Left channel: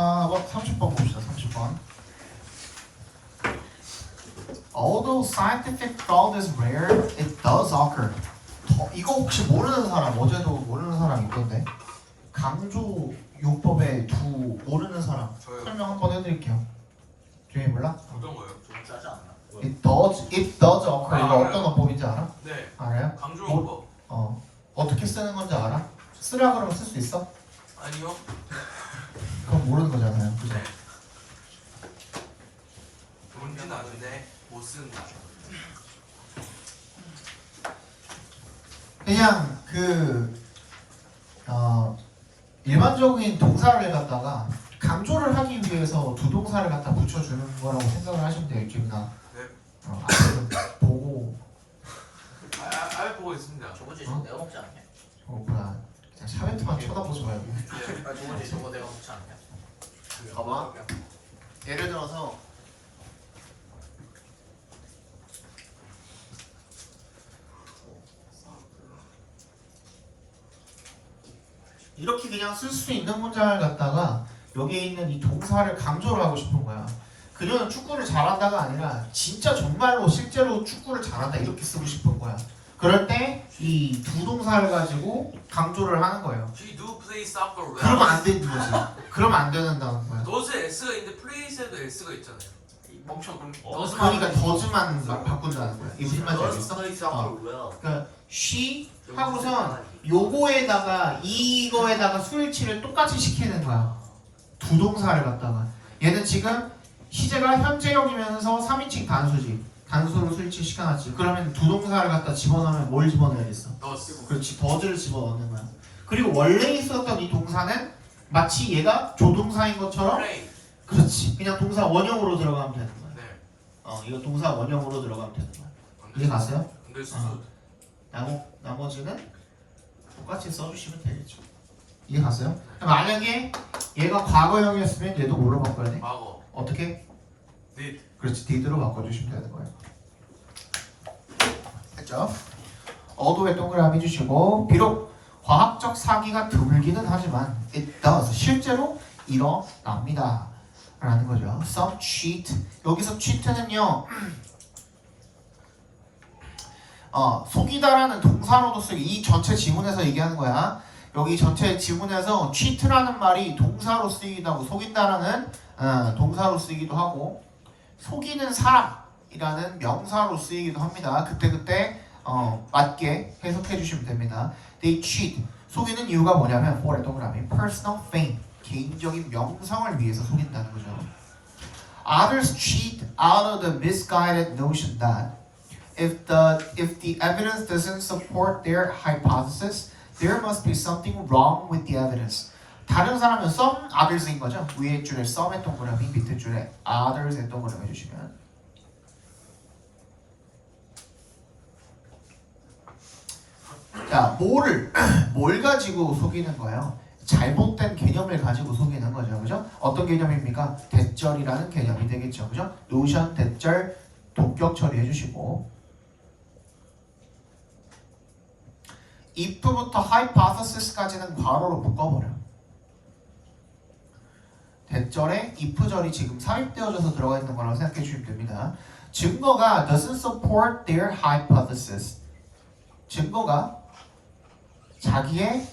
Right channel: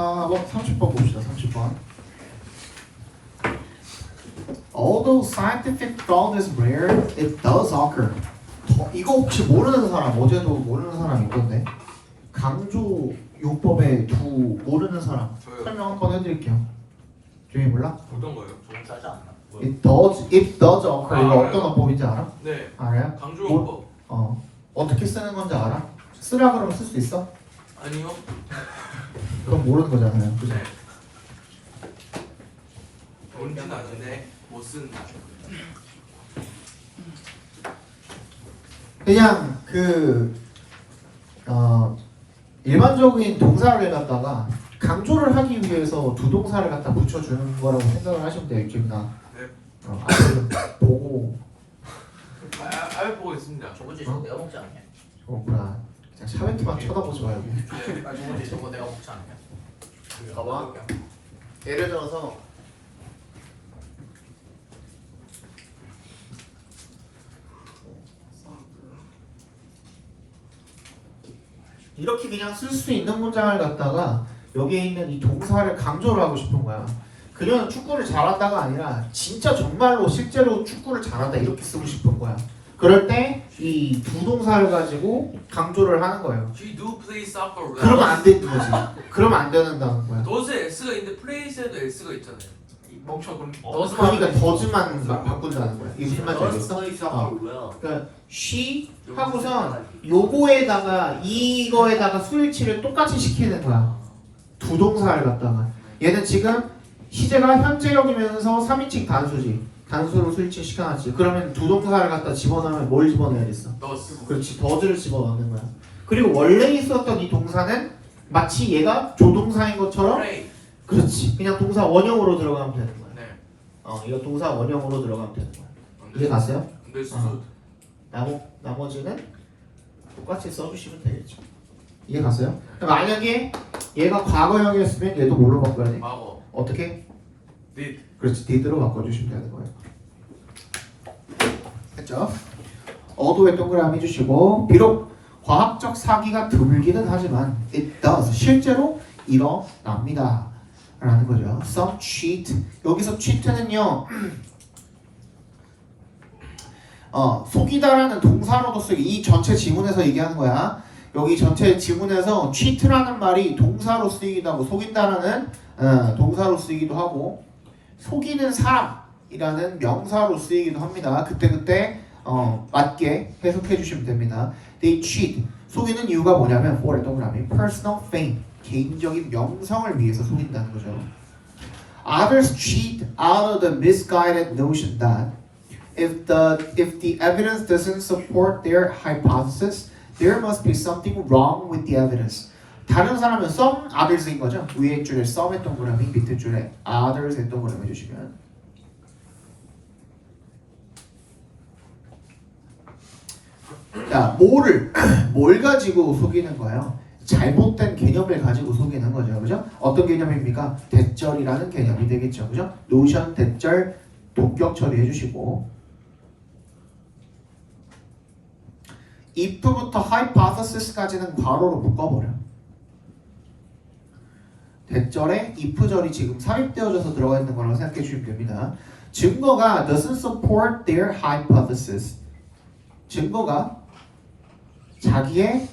자, 30번 봅시다. 30번. Although scientific fraud is rare, it does occur. 이거 혹시 모르는 사람, 어제도 모르는 사람 있던데. 강조 요법의 두 모르는 사람 저요. 설명 한번 해드릴게요. 조이 몰라? 어떤 거예요? 좀 짜지 않나? It does occur. 이거 알아요. 어떤 어법인지 알아? 네. 알아요? 강조용법. 어떻게 쓰는 건지 알아? 쓰라 그러면 쓸 수 있어? 아니요. 그건 모르는 거잖아요. 그죠? 네. 뭔지는 아는데 못 쓴다. 그냥 일반적인 동사를 갖다가 강조를 하기 위해서 두 동사를 갖다 붙여주는 거라고 생각을 하시면 돼요. 이쪽이나 네. 앞에 좀 보고 알 보고 있습니다. 저거지 저거 내가 먹지 않냐? 뭐야 그냥 샤베트만 쳐다보지 말고. 저거지 저거 내가 먹지 않냐? 봐봐. 예를 들어서 이렇게 그냥 쓸 수 있는 문장을 갖다가 여기에 있는 이 동사를 강조를 하고 싶은 거야. 그녀는 축구를 잘한다가 아니라 진짜 정말로 실제로 축구를 잘한다 이렇게 쓰고 싶은 거야. 그럴 때 이 두 동사를 가지고 강조를 하는 거예요. She do play soccer well. 그러면 안 되는 거지. 그러면 안 된다는 거야. does에 S가 있는데 plays에도 S가 있잖아요. 이 멍청 그럼 그러니까 더즈만 막 바꾼다는 거야. 이게 무슨 말인지 알겠어? 어. 그러니까 she 하고선 요거에다가 이거에다가 수일치를 똑같이 시키는 거야. 두 동사를 갖다가 얘는 지금 시제가 현재형이면서 3인칭 단수지. 단수로 수일치 시켜놨지. 그러면 두 동사를 갖다 집어넣으면 뭘 집어넣어야겠어? does. 그렇지. 더즈를 집어넣는 거야. 그리고 원래 있었던 이 동사는 마치 얘가 조동사인 것처럼 play. 그렇지. 그냥 동사 원형으로 들어가면 되는 거야. 네. 이거 동사 원형으로 들어가면 되는 거야. 이해 갔어요? understood. 나머지는 똑같이 써주시면 되겠죠. 이해 갔어요? 만약에 얘가 과거형이었으면 얘도 뭘로 바꿔야 돼? 과거. 어떻게? did. 그렇지. did로 바꿔주시면 되는 거예요. 됐죠? 어도에 동그라미 주시고 비록 과학적 사기가 드물기는 하지만 it does 실제로 일어납니다 라는 거죠. Some cheat 여기서 cheat는요 속이다라는 동사로도 쓰기 이 전체 지문에서 얘기하는 거야. 여기 전체 지문에서 cheat라는 말이 동사로 쓰이기도 하고 속인다라는 동사로 쓰이기도 하고 속이는 사람이라는 명사로 쓰이기도 합니다. 그때 맞게 해석해 주시면 됩니다. They cheat 속이는 이유가 뭐냐면 for 동그라미 personal fame 개인적인 명성을 위해서 속인다는 거죠. Others cheat out of the misguided notion that if the evidence doesn't support their hypothesis, there must be something wrong with the evidence. 다른 사람은 some others인 거죠. 위에 줄에 some의 동그라미, 밑에 줄에 others의 동그라미 해주시면 자, 뭘 가지고 속이는 거예요? 잘못된 개념을 가지고 속이는 거죠. 그죠? 어떤 개념입니까? 대절이라는 개념이 되겠죠. 그죠? 노션, 대절, 동격 처리해 주시고 if부터 hypothesis까지는 괄호로 묶어버려. 대절에 if절이 지금 삽입되어져서 들어가 있는 거라고 생각해 주시면 됩니다. 증거가 doesn't support their hypothesis. 증거가 자신의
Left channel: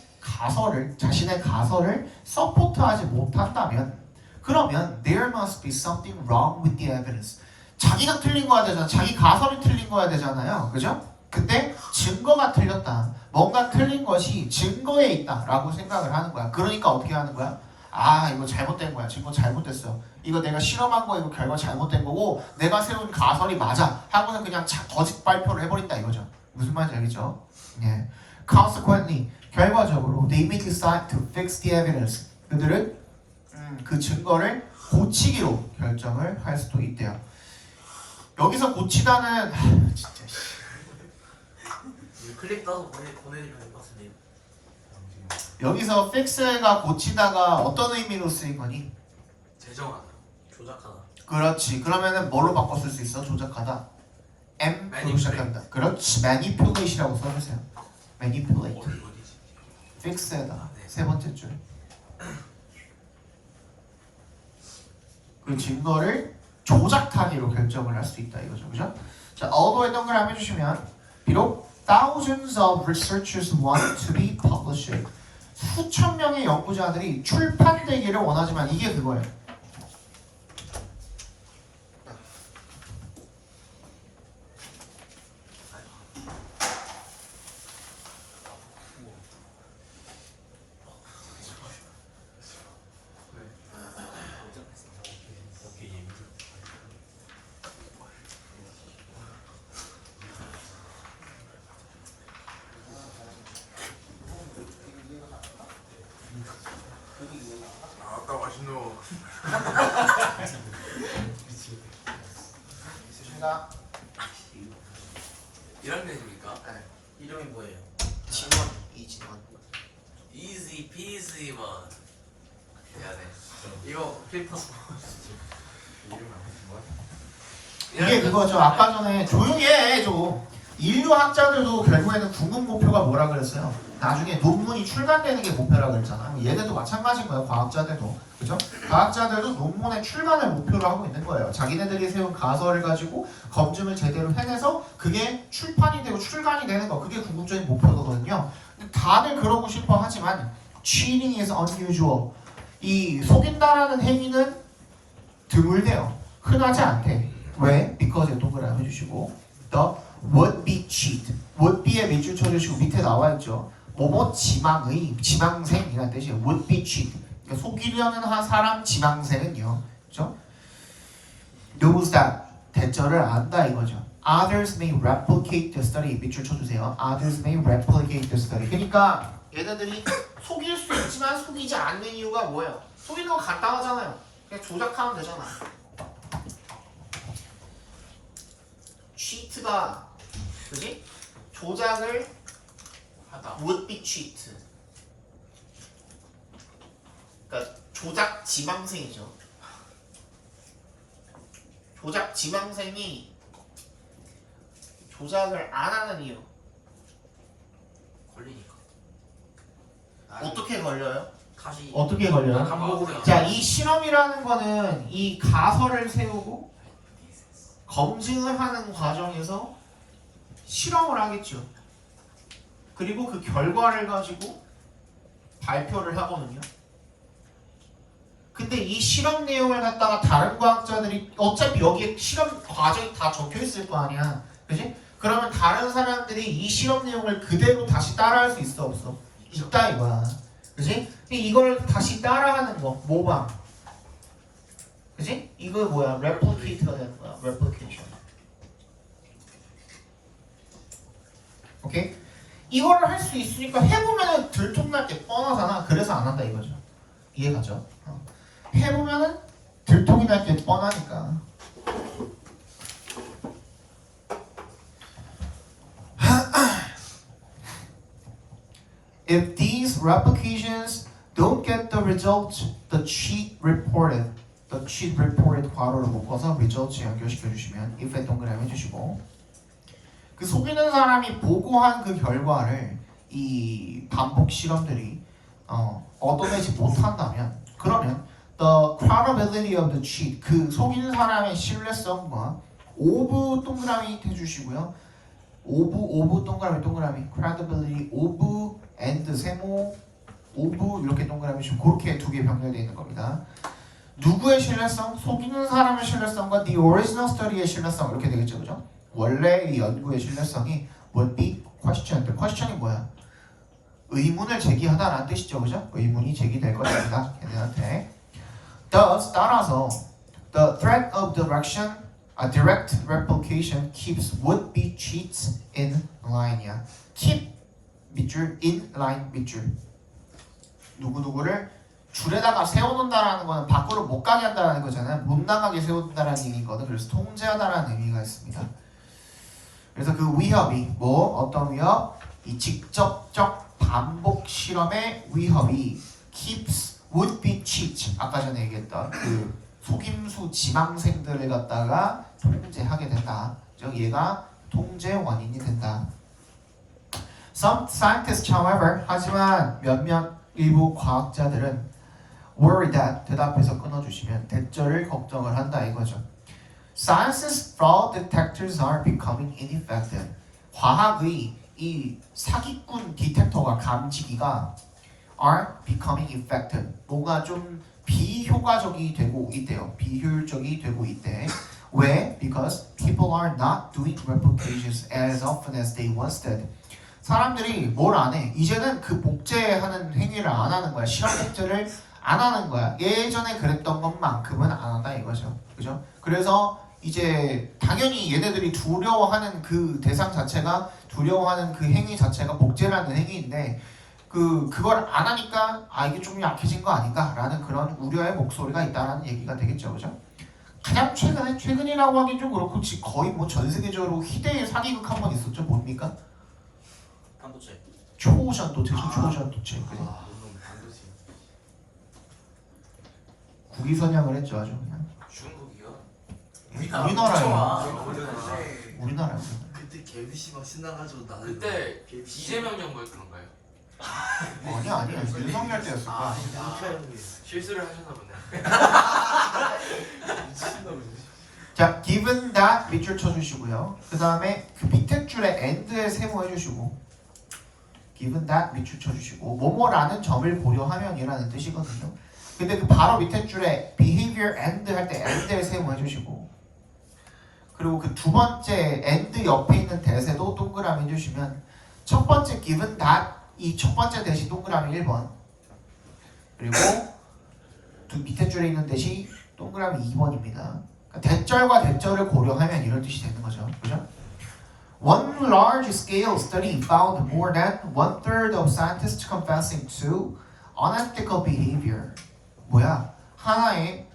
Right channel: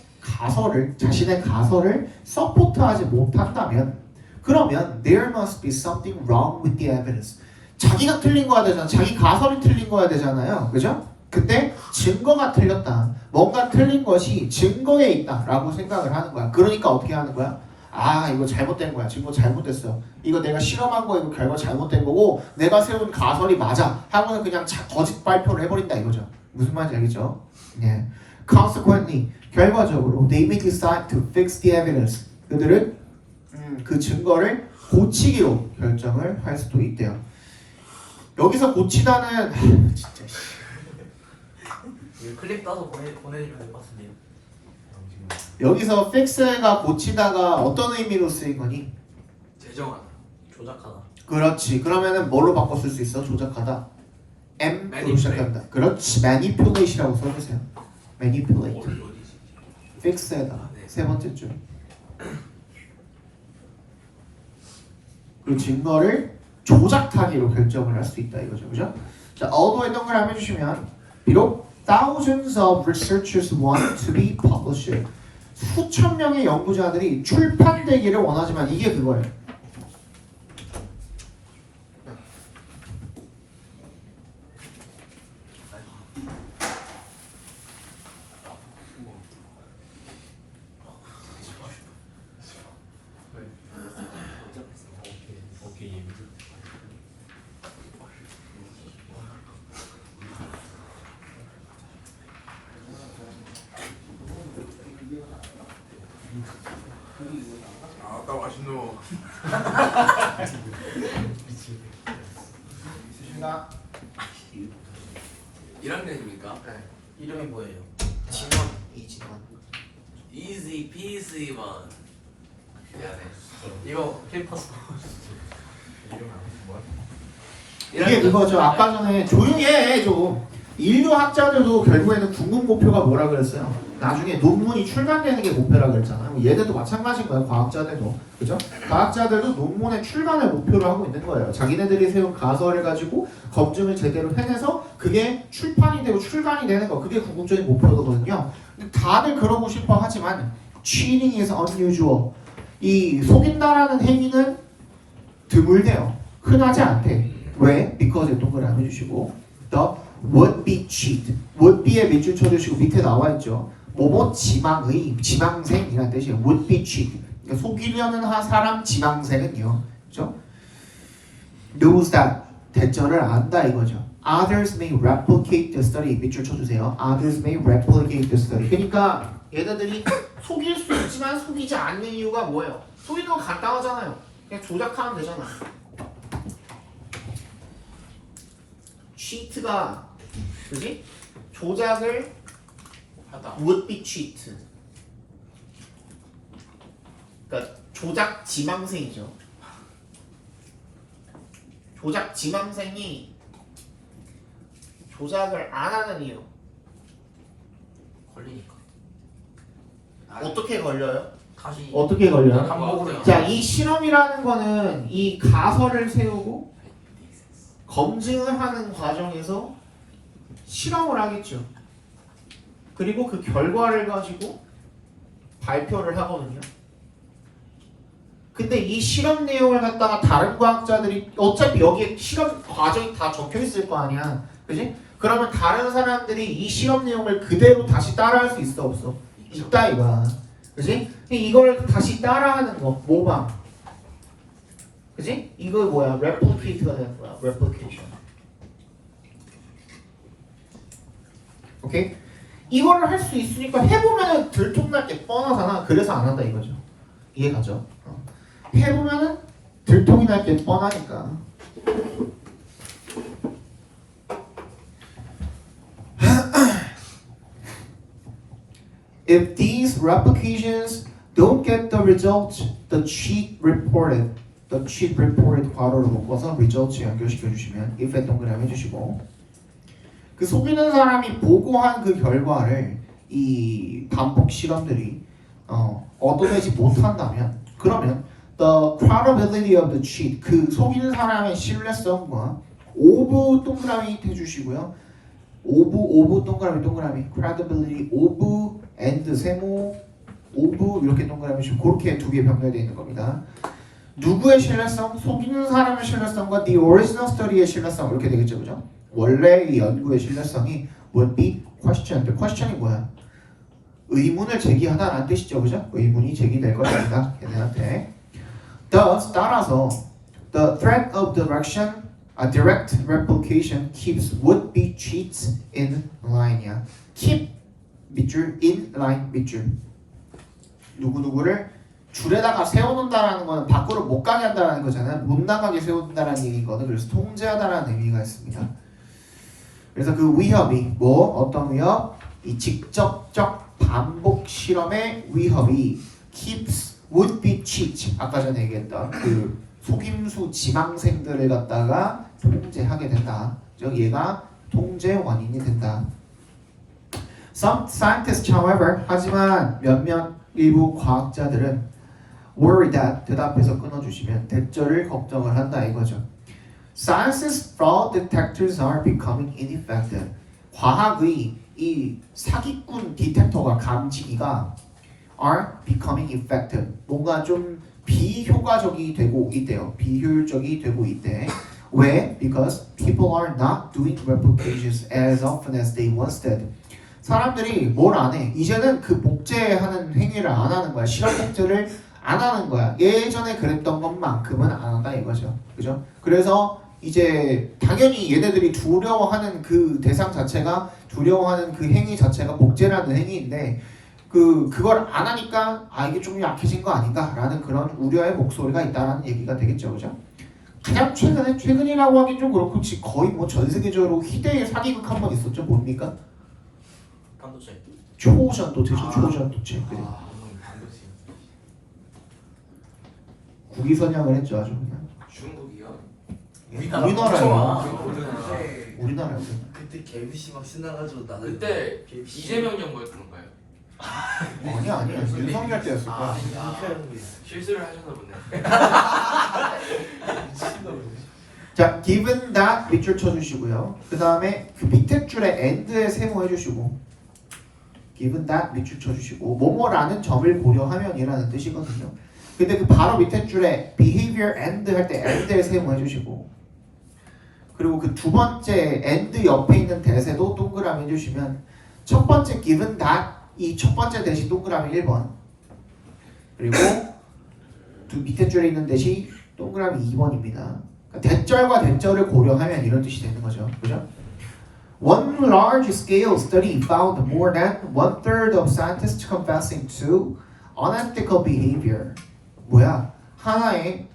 가설을 서포트하지 못한다면 그러면 there must be something wrong with the evidence. 자기가 틀린 거야 되잖아. 자기 가설이 틀린 거야 되잖아요. 그죠? 근데 증거가 틀렸다. 뭔가 틀린 것이 증거에 있다라고 생각을 하는 거야. 그러니까 어떻게 하는 거야? 아 이거 잘못된 거야. 증거 잘못됐어. 이거 내가 실험한 거 이거 결과 잘못된 거고 내가 세운 가설이 맞아. 하고는 그냥 거짓 발표를 해버린다 이거죠. 무슨 말인지 알겠죠? 예. Consequently 결과적으로 they may decide to fix the evidence. 그들은 그 증거를 고치기로 결정을 할 수도 있대요. 여기서 고치다는 진짜 클립 따서 보내주면 될 것 같은데요. 여기서 fix가 고치다가 어떤 의미로 쓰인 거니? 제정하다. 조작하다. 그렇지. 그러면은 뭘로 바꿔 쓸 수 있어? 조작하다. M으로 Manipulate. 시작한다. 그렇지. manipulate이라고 써주세요. manipulate. 어디지? fix에다가 네. 세 번째 줄. 그 증거를 조작하기로 결정을 할 수 있다 이거죠, 그죠? 자, although 동그라미 해주시면 비록 thousands of researchers want to be published 수천 명의 연구자들이 출판되기를 원하지만 이게 그거예요. 아따 맛있노. 있으신가? 1학년입니까? 이름이 뭐예요? 진원 이진원. Easy peasy man. 미안해. 이거 필터스. 이게 그거죠. 아까 전에 조용히 해 좀. 인류학자들도 결국에는 궁극 목표가 뭐라 그랬어요? 나중에 논문이 출간되는 게 목표라 그랬잖아요. 얘들도 마찬가지인 거예요. 과학자들도. 그죠? 과학자들도 논문의 출간을 목표로 하고 있는 거예요. 자기네들이 세운 가설을 가지고 검증을 제대로 해내서 그게 출판이 되고 출간이 되는 거. 그게 궁극적인 목표거든요. 근데 다들 그러고 싶어 하지만 cheating is unusual. 이 속인다라는 행위는 드물대요. 흔하지 않대. 왜? because 동그라미 해주시고 the would be cheat. would be에 밑줄 쳐주시고 밑에 나와 있죠. 뭐뭐 지망의 지망생이라는 뜻이에요. would be cheat. 그러니까 속이려는 한 사람 지망생은요. 그렇죠? knows that 대절을 안다 이거죠. Others may replicate the study. 밑줄 쳐주세요. Others may replicate the study. 그러니까 얘네들이 속일 수 있지만 속이지 않는 이유가 뭐예요? 속이는 건 간단하잖아요. 그냥 조작하면 되잖아. cheat가 그지? 조작을 하다. would be cheat. 그러니까 조작 지망생이죠. 조작 지망생이 조작을 안 하는 이유. 걸리니까. 어떻게 걸려요? 다시 어떻게 걸려요? 반복으로. 자, 이 실험이라는 거는 이 가설을 세우고 검증을 하는 과정에서 실험을 하겠죠. 그리고 그 결과를 가지고 발표를 하거든요. 근데 이 실험 내용을 갖다가 다른 과학자들이 어차피 여기에 실험 과정이 다 적혀 있을 거 아니야. 그지? 그러면 다른 사람들이 이 실험 내용을 그대로 다시 따라할 수 있어 없어? 있다 이거야. 그지? 이걸 다시 따라하는 거 모방. 그지? 이거 뭐야? replicate가 되는 거야. replication. 오케이? 이거를 할 수 있으니까 해보면은 들통날 게 뻔하잖아. 그래서 안 한다 이거죠. 이해가죠? 해보면은 들통이 날 게 뻔하니까. If these replications don't get the result, the cheat reported 괄호로 묶어서 results 연결시켜 주시면 if에 동그라미 해주시고 그 속이는 사람이 보고한 그 결과를 이 반복 실험들이 얻어내지 못한다면 그러면 the credibility of the cheat 그 속이는 사람의 신뢰성과 of 동그라미 해주시고요. of 동그라미 credibility of and 세모 of 이렇게 동그라미 주시고 그렇게 두 개 병렬되어 있는 겁니다. 누구의 신뢰성? 속이는 사람의 신뢰성과 the original study의 신뢰성 이렇게 되겠죠, 그죠? 원래 이 연구의 신뢰성이 would be questioned. question이 뭐야? 의문을 제기하다라는 뜻이죠, 그죠? 의문이 제기될 것입니다, 걔네한테. Thus 따라서 the threat of direct replication keeps would-be cheats in line이야. keep 밑줄 in line 밑줄. 누구누구를 줄에다가 세워놓는다라는 거는 밖으로 못 가게 한다는 거잖아요. 못 나가게 세운다라는 의미거든. 그래서 통제하다라는 의미가 있습니다. 그래서 그 위협이 어떤 위협? 이 직접적 반복 실험의 위협이 keeps would-be cheats 아까 전에 얘기했던 그 속임수 지망생들을 갖다가 통제하게 된다. 즉 얘가 통제 원인이 된다. Some scientists, however, 하지만 몇몇 일부 과학자들은 worry that 대답해서 끊어주시면 대절을 걱정을 한다 이거죠. Science's fraud detectors are becoming ineffective. 과학의 이 사기꾼 디텍터가 감지기가 are becoming effective. 뭔가 좀 비효과적이 되고 있대요. 비효율적이 되고 있대. 왜? Because people are not doing replications as often as they once did. 사람들이 뭘 안 해? 이제는 그 복제하는 행위를 안 하는 거야. 실험 복제를 안 하는 거야. 예전에 그랬던 것만큼은 안 한다 이거죠. 그죠? 그래서 이제 당연히 얘네들이 두려워하는 그 대상 자체가 두려워하는 그 행위 자체가 복제라는 행위인데 그걸 안 하니까 이게 좀 약해진 거 아닌가라는 그런 우려의 목소리가 있다라는 얘기가 되겠죠. 그죠? 가장 최근이라고 하긴 좀 그렇고 거의 뭐 전 세계적으로 희대의 사기극 한 번 있었죠. 뭡니까? 반도체. 초전도체죠. 초전도체. 그래. 반드시. 국위 선양을 했죠. 아주 그냥. 중국이요? 우리나라요. 네. 우리나라요. 그때 개미씨 막 신나가지고 나는 그때 이재명 정부였던가요? 아니야. 윤석열 때였을 거야. 실수를 하셨나 보네. 자, given that 밑줄 쳐주시고요. 그 다음에 그 밑에 줄에 and에 세모해주시고, given that 밑줄 쳐주시고, 뭐뭐라는 점을 고려하면이라는 뜻이거든요. 근데 그 바로 밑에 줄에 behavior and 할 때 and에 세모해주시고, 그리고 그 두 번째 and 옆에 있는 대세도 동그라미 해주시면 첫 번째 given that 이 첫 번째 대시 동그라미 1번, 그리고 두 밑에 줄에 있는 대시 동그라미 2번입니다. 대절과 대절을 고려하면 이런 뜻이 되는 거죠. 그죠? One large scale study found more than 1/3 of scientists confessing to unethical behavior. 뭐야? 하나의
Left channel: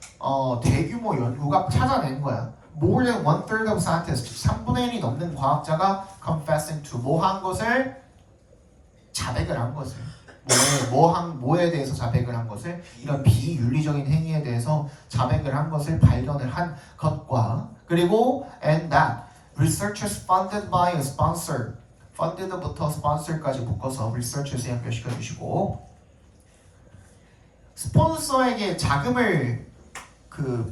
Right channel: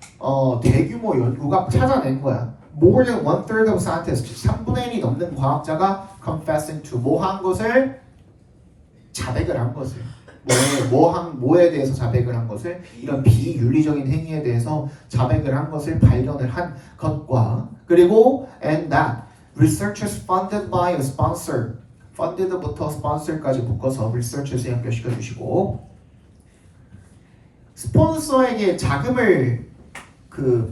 대규모 연구가 찾아낸 거야. More than 1/3 of scientists, 3분의 1이 넘는 과학자가 confessing to 뭐 한 것을 자백을 한 것을 뭐에 대해서 자백을 한 것을 이런 비윤리적인 행위에 대해서 자백을 한 것을 발견을 한 것과 그리고 and that researchers funded by a sponsor funded부터 sponsor까지 묶어서 researchers에 연결시켜 주시고 스폰서에게 자금을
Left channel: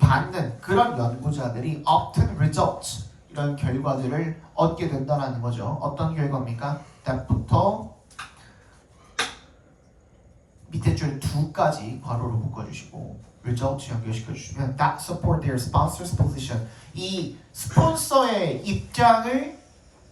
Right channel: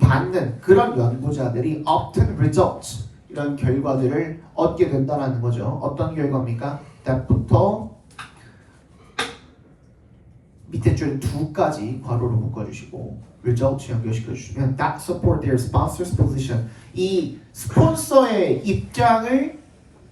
받는 그런 연구자들이 often results 이런 결과들을 얻게 된다는 거죠. 어떤 결과입니까? that부터 밑에 줄에 2까지 괄호로 묶어주시고 results 연결시켜 주시면 that support their sponsor's position 이 스폰서의 입장을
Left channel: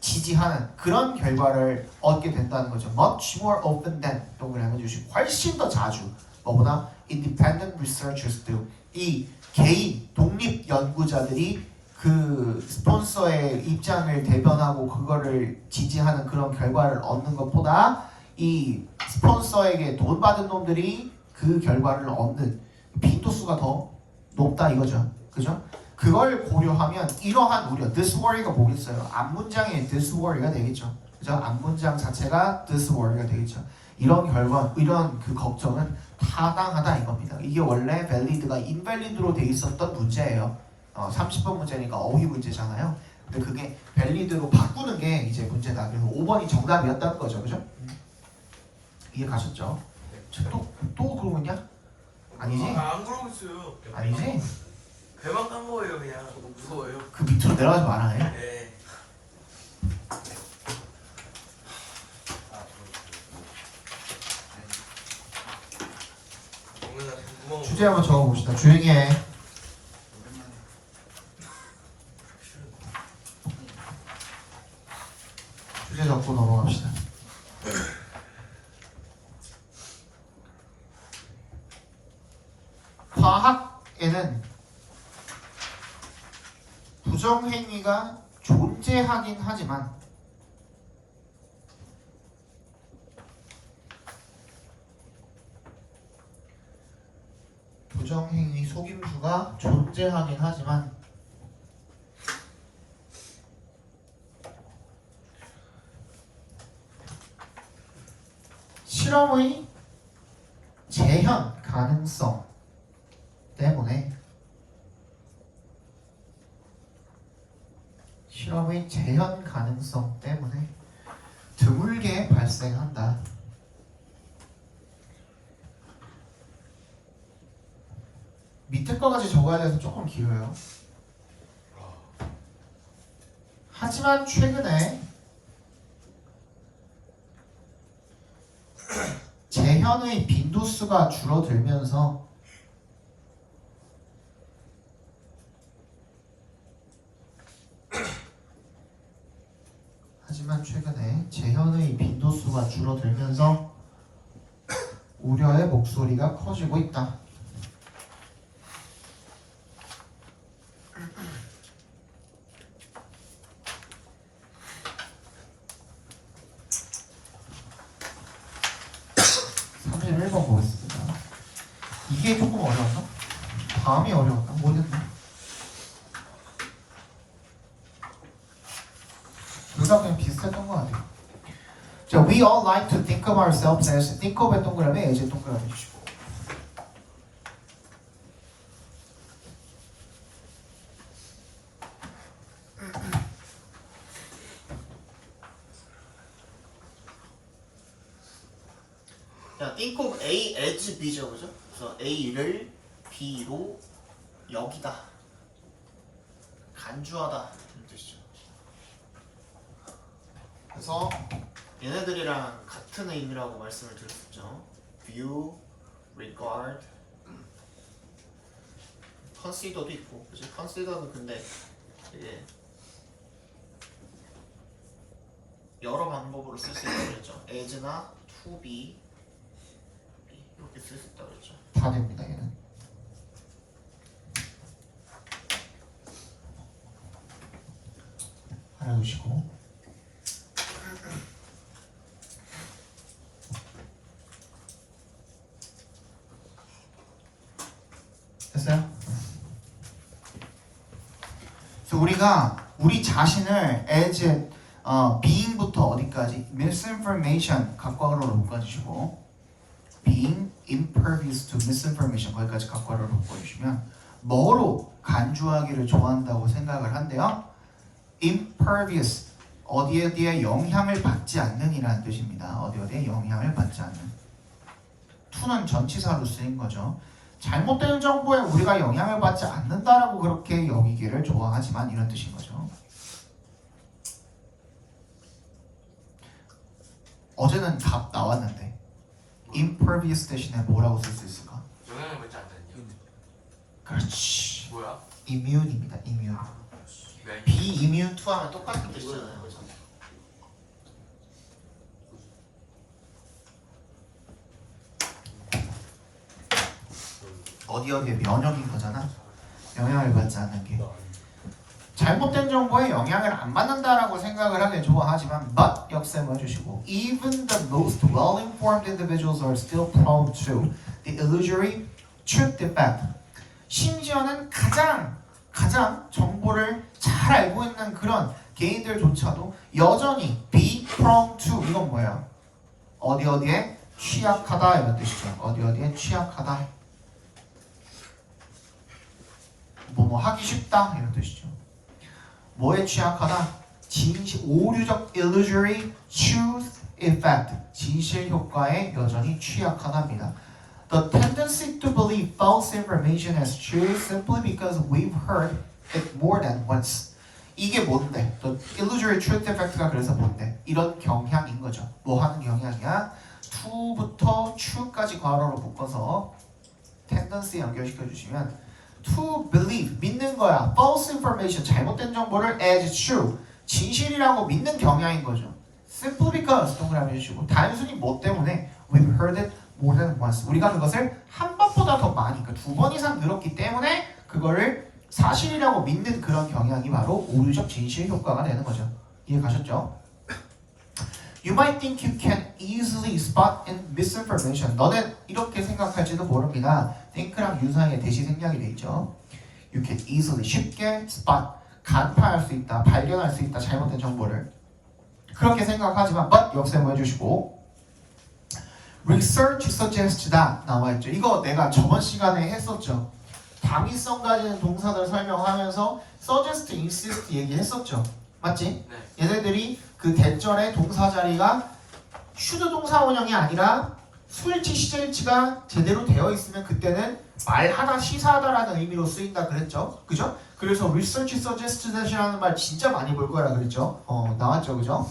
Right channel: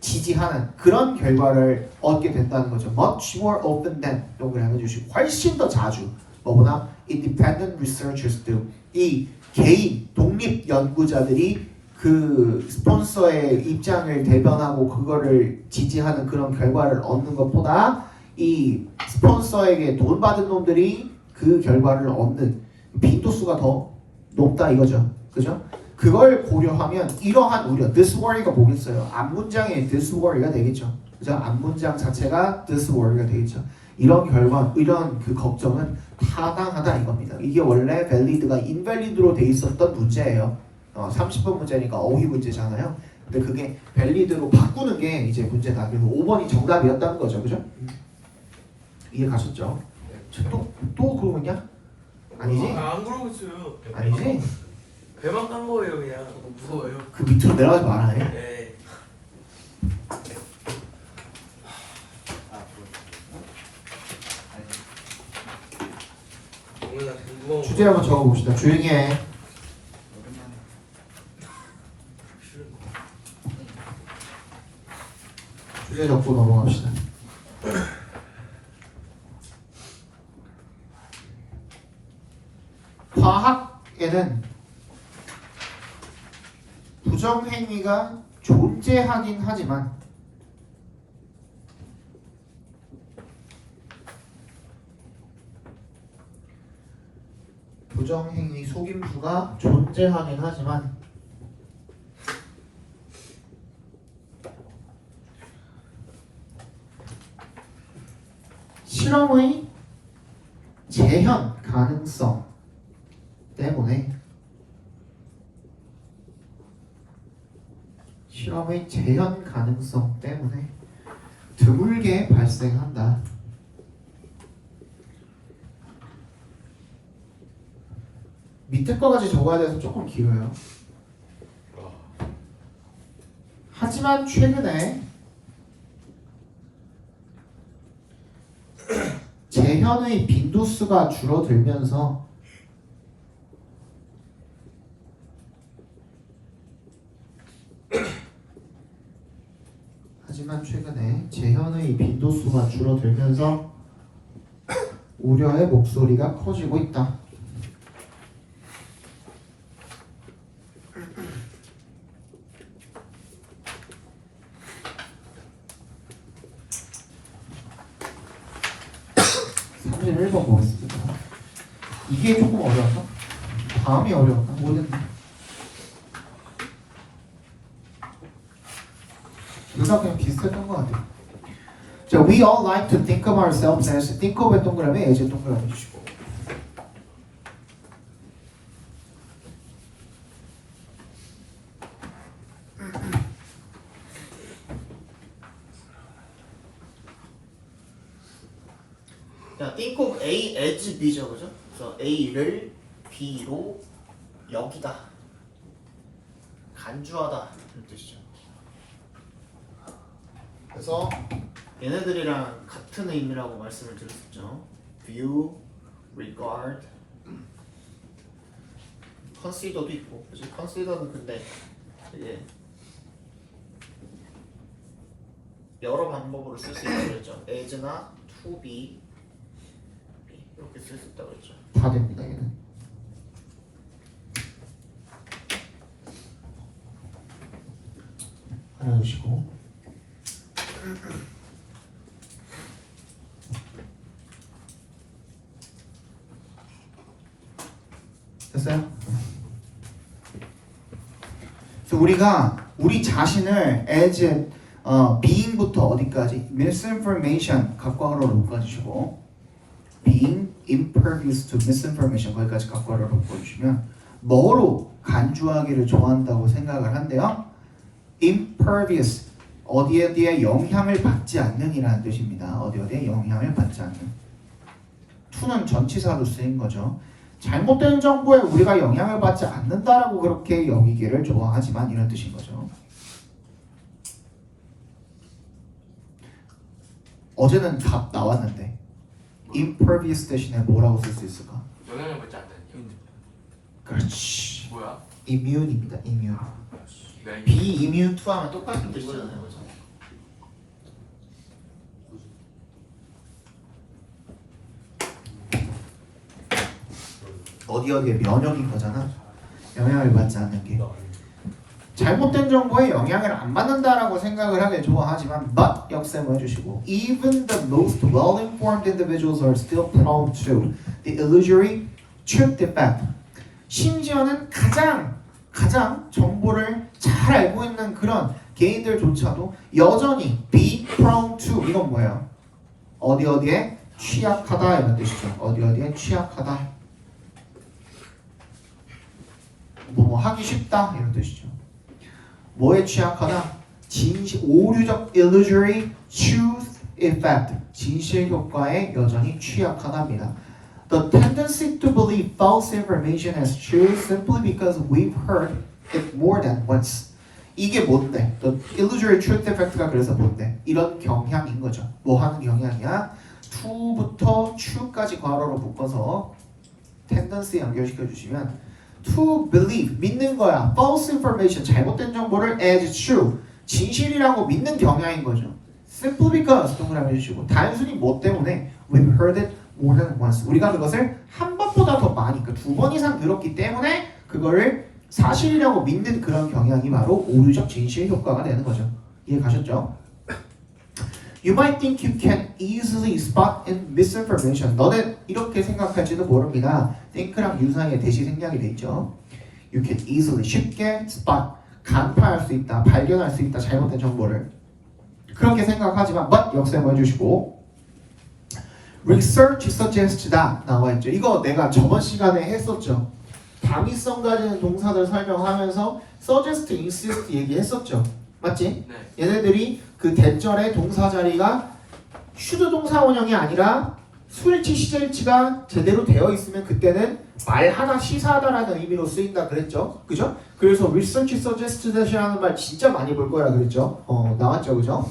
지지하는 그런 결과를 얻게 된다는 거죠. much more often than 동그라미 해주시고 훨씬 더 자주 뭐보다 independent researchers do 이 개인 독립 연구자들이 그 스폰서의 입장을 대변하고 그거를 지지하는 그런 결과를 얻는 것보다 이 스폰서에게 돈 받은 놈들이 그 결과를 얻는 빈도수가 더 높다 이거죠. 그죠? 그걸 고려하면 이러한 우려, this worry가 뭐겠어요? 앞문장에 this worry가 되겠죠. 그죠? 앞문장 자체가 this worry가 되겠죠. 이런 결과, 이런 그 걱정은 타당하다 이겁니다. 이게 원래 valid가 invalid로 돼 있었던 문제예요. 30번 문제니까 어휘 문제잖아요. 근데 그게 valid로 바꾸는 게 이제 문제다. 그래서 5번이 정답이었다는 거죠. 그죠? 이해 가셨죠? 또 그러고 있냐? 아니지? 안 그러고 있어요. 아니지? 배만 깐 거예요 그냥. 무서워요. 그 밑으로 내려가지 말아네. 네. 오늘 궁금한 거. 주제 한번 적어봅시다. 조용히 해. 주제 적고 넘어갑시다. 과학에는 부정행위가 존재하긴 하지만 부정행위 속임수가 존재하긴 하지만 실험의 재현 가능성 때문에 실험의 재현 가능성 때문에 드물게 발생한다. 밑에 거까지 적어야 돼서 조금 길어요. 하지만 최근에 재현의 빈도수가 줄어들면서 재현의 빈도수가 줄어들면서 우려의 목소리가 커지고 있다. (31번) 보겠습니다. 이게 조금 어려웠나? 다음이 어려웠나? 모르겠네. 둘 다 그냥 비슷했던 것 같아요. 자, we all like to think of ourselves as think of의 동그라미, as의 동그라미 주시고. 자, think of A as B죠, 그죠? 그래서 A를 B로 여기다, 간주하다 이런 뜻이죠. 그래서 얘네들이랑 같은 의미라고 말씀을 드렸었죠. view, regard, consider도 있고, 그죠? consider는 근데 이제 여러 방법으로 쓸 수 있다고 그랬죠. as나 to be 이렇게 쓸 수 있다고 그랬죠. 다 됩니다, 얘는. 하나 놓으시고. 됐어요? 그래서 우리가 우리 자신을 as being부터 어디까지? misinformation 각광으로 묶어주시고, being impervious to misinformation 거기까지 각광으로 묶어주시면 뭐로 간주하기를 좋아한다고 생각을 한대요? impervious 어디에 영향을 받지 않는 이라는 뜻입니다. 어디에 영향을 받지 않는. to는 전치사로 쓰인 거죠. 잘못된 정보에 우리가 영향을 받지 않는다라고 그렇게 여기기를 좋아하지만 이런 뜻인 거죠. 어제는 답 나왔는데 impervious 대신에 뭐라고 쓸 수 있을까? 영향을 받지 않는. 그렇지. 뭐야? immune입니다. immune. 네. be immune to 하면 똑같은 뜻이잖아요. 그렇죠? 어디에 면역인 거잖아. 영향을 받지 않는 게. 잘못된 정보에 영향을 안 받는다라고 생각을 하길 좋아하지만 but 역셈을 해주시고 even the most well-informed individuals are still prone to the illusory truth defect. 심지어는 가장 정보를 잘 알고 있는 그런 개인들조차도 여전히 be prone to 이건 뭐예요? 어디에 취약하다 이런 뜻이죠. 어디에 취약하다. 뭐 하기 쉽다 이런 뜻이죠. 뭐에 취약하다? 오류적 illusory truth effect 진실 효과에 여전히 취약하답니다. The tendency to believe false information as true simply because we've heard it more than once. 이게 뭔데? The illusory truth effect가 그래서 뭔데? 이런 경향인 거죠. 뭐 하는 경향이야? to부터 true까지 괄호로 묶어서 tendency 연결시켜 주시면 to believe 믿는 거야. false information 잘못된 정보를 as true 진실이라고 믿는 경향인 거죠. simply because 동그라미 해주시고 단순히 뭐 때문에 we've heard it more than once 우리가 그것을 한 번보다 더 많이 그러니까 2번 이상 들었기 때문에 그거를 사실이라고 믿는 그런 경향이 바로 오류적 진실 효과가 되는 거죠. 이해 가셨죠? You might think you can easily spot in misinformation. 너는 이렇게 생각할지도 모릅니다. think랑 유사의 대시 생략이 돼 있죠. You can easily 쉽게 spot 간파할 수 있다, 발견할 수 있다 잘못된 정보를 그렇게 생각하지만 but 역셈을 해주시고 research suggests다 나와 있죠. 이거 내가 저번 시간에 했었죠. 당위성 가지는 동사들 설명하면서 suggest, insist 얘기했었죠. 맞지? 네. 얘네들이 그 대절의 동사 자리가 should 동사 원형이 아니라 수일치 시제일치가 제대로 되어 있으면 그때는 말하다 시사하다라는 의미로 쓰인다 그랬죠, 그죠? 그래서 research suggests that이라는 말 진짜 많이 볼 거라 그랬죠. 나왔죠, 그죠?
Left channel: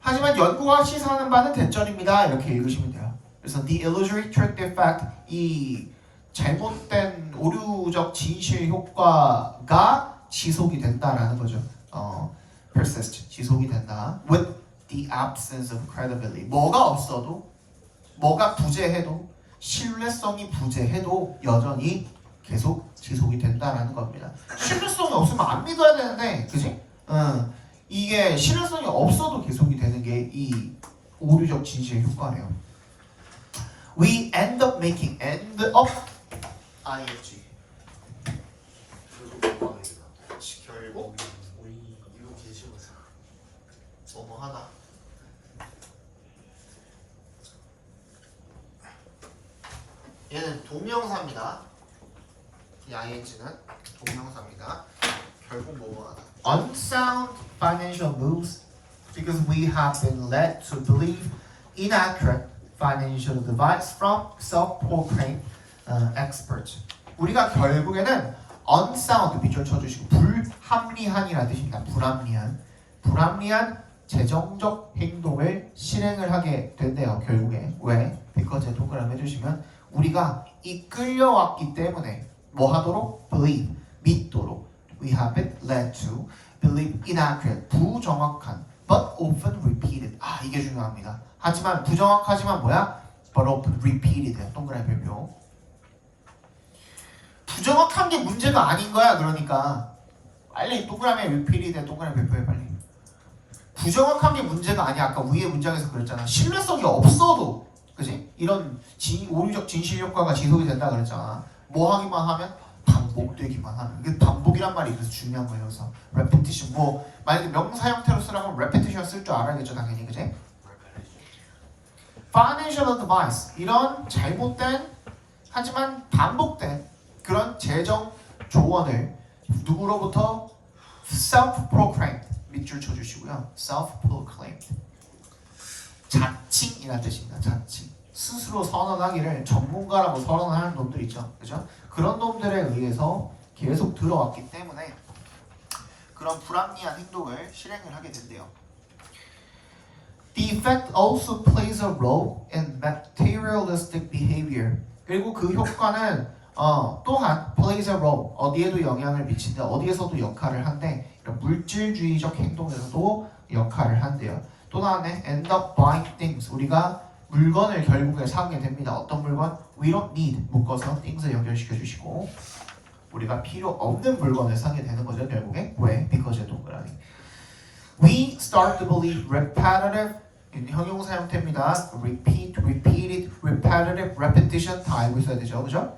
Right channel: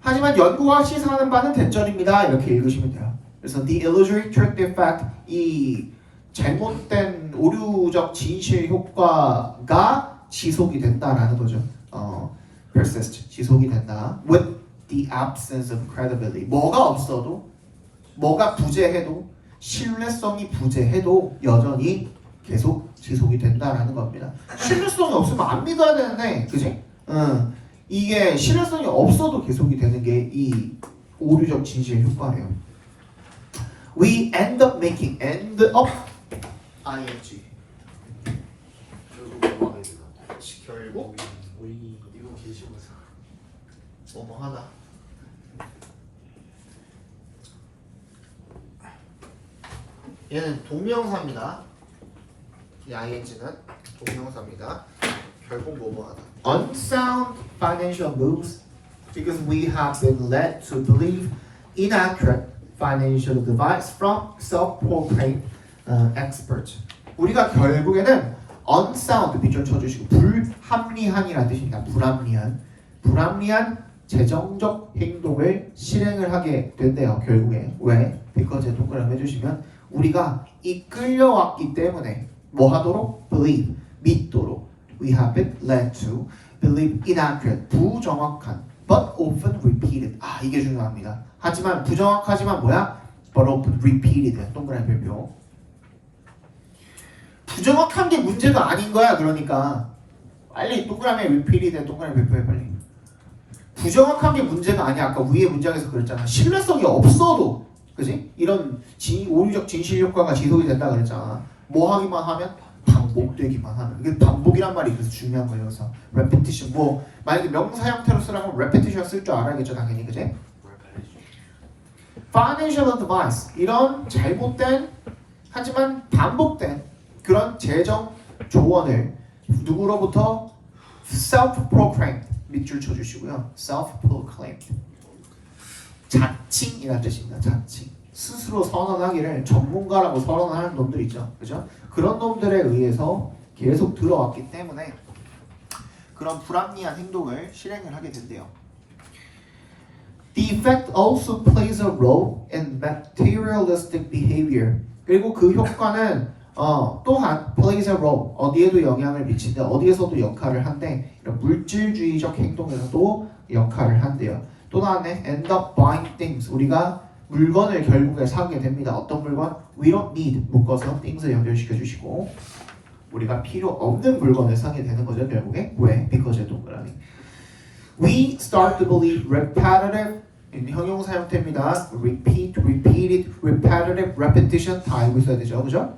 하지만 연구와 시사하는 바는 대절입니다. 이렇게 읽으시면 돼요. 그래서 the illusory trick defect, 이 잘못된 오류적 진실 효과가 지속이 된다라는 거죠. persist, 지속이 된다. with the absence of credibility. 뭐가 없어도, 뭐가 부재해도, 신뢰성이 부재해도 여전히 계속 지속이 된다라는 겁니다. 신뢰성이 없으면 안 믿어야 되는데, 그지? 이게 신뢰성이 없어도 계속이 되는 게 이 오류적 진실 효과예요. We end up making end up ing. 결국 뭐 하게 되나? 결국 우리 이거 게시물에서 뭐뭐 하다. 얘는 동명사입니다. 이 ing는 동명사입니다. 결국 뭐뭐 하다. Unsound financial moves because we have been led to believe inaccurate financial advice from self-proclaimed experts. 우리가 결국에는 unsound 밑줄 쳐주시고 불합리한이라는 뜻입니다. 불합리한 재정적 행동을 실행을 하게 된대요. 결국에 왜? because 동그라미 해주시면 우리가 이끌려왔기 때문에 뭐 하도록? believe, 믿도록. We have been led to believe inaccurate, 부정확한, but often repeated. 이게 중요합니다. 하지만 부정확하지만 뭐야? but often repeated. 동그라미 별표. 부정확한 게 문제가 아닌 거야. 그러니까 빨리 동그라미 repeated 동그라미 별표에 빨리. 부정확한 게 문제가 아니야. 아까 위에 문장에서 그랬잖아. 신뢰성이 없어도, 그지? 이런 오류적 진실 효과가 지속이 된다 그랬잖아. 뭐 하기만 하면? 반복되기만 하면. 이게 반복이란 말이 그래서 중요한 거예요. 그래서 repetition. 뭐 만약에 명사 형태로 쓰라면 repetition 쓸 줄 알아야겠죠, 당연히, 그지? financial advice. 이런 잘못된 하지만 반복된 그런 재정 조언을 누구로부터? self-proclaimed. 밑줄 쳐주시고요. self-proclaimed. 자칭이라는 뜻입니다. 자칭. 스스로 선언하기를 전문가라고 선언하는 놈들 있죠. 그죠? 그런 놈들에 의해서 계속 들어왔기 때문에 그런 불합리한 행동을 실행을 하게 된대요. The effect also plays a role in materialistic behavior. 그리고 그 효과는 또한 plays a role, 어디에도 영향을 미친데 어디에서도 역할을 한대. 이런 물질주의적 행동에서도 역할을 한대요. 또 나왔네. end up buying things. 우리가 물건을 결국에 사게 됩니다. 어떤 물건? We don't need 묶어서 things에 연결시켜 주시고 우리가 필요 없는 물건을 사게 되는 거죠. 결국에 왜? because 동그라미. We start to believe repetitive. 형용사 형태입니다. repeat, repeated, repetitive, repetition 다 알고 있어야 되죠. 그죠?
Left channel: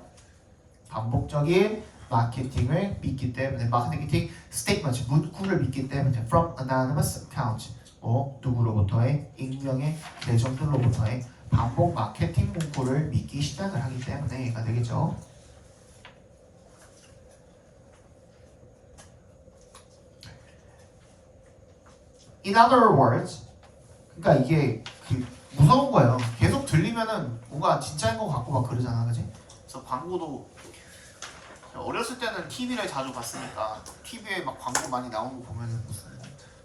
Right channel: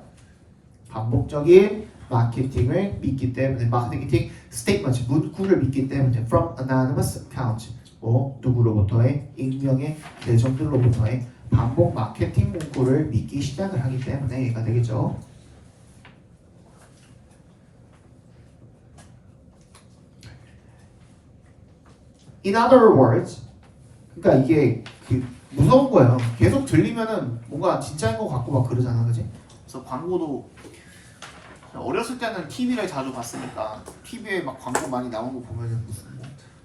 반복적인 마케팅을 믿기 때문에 마케팅 statement 문구를 믿기 때문에 from anonymous accounts. 누구로부터의 익명의 계정들로부터의 반복 마케팅 문구를 믿기 시작을 하기 때문에 얘가 되겠죠. In other words, 그러니까 이게 무서운 거예요. 계속 들리면은 뭔가 진짜인 것 같고 막 그러잖아, 그지? 그래서 광고도 어렸을 때는 TV를 자주 봤으니까 TV에 막 광고 많이 나온 거 보면은 무슨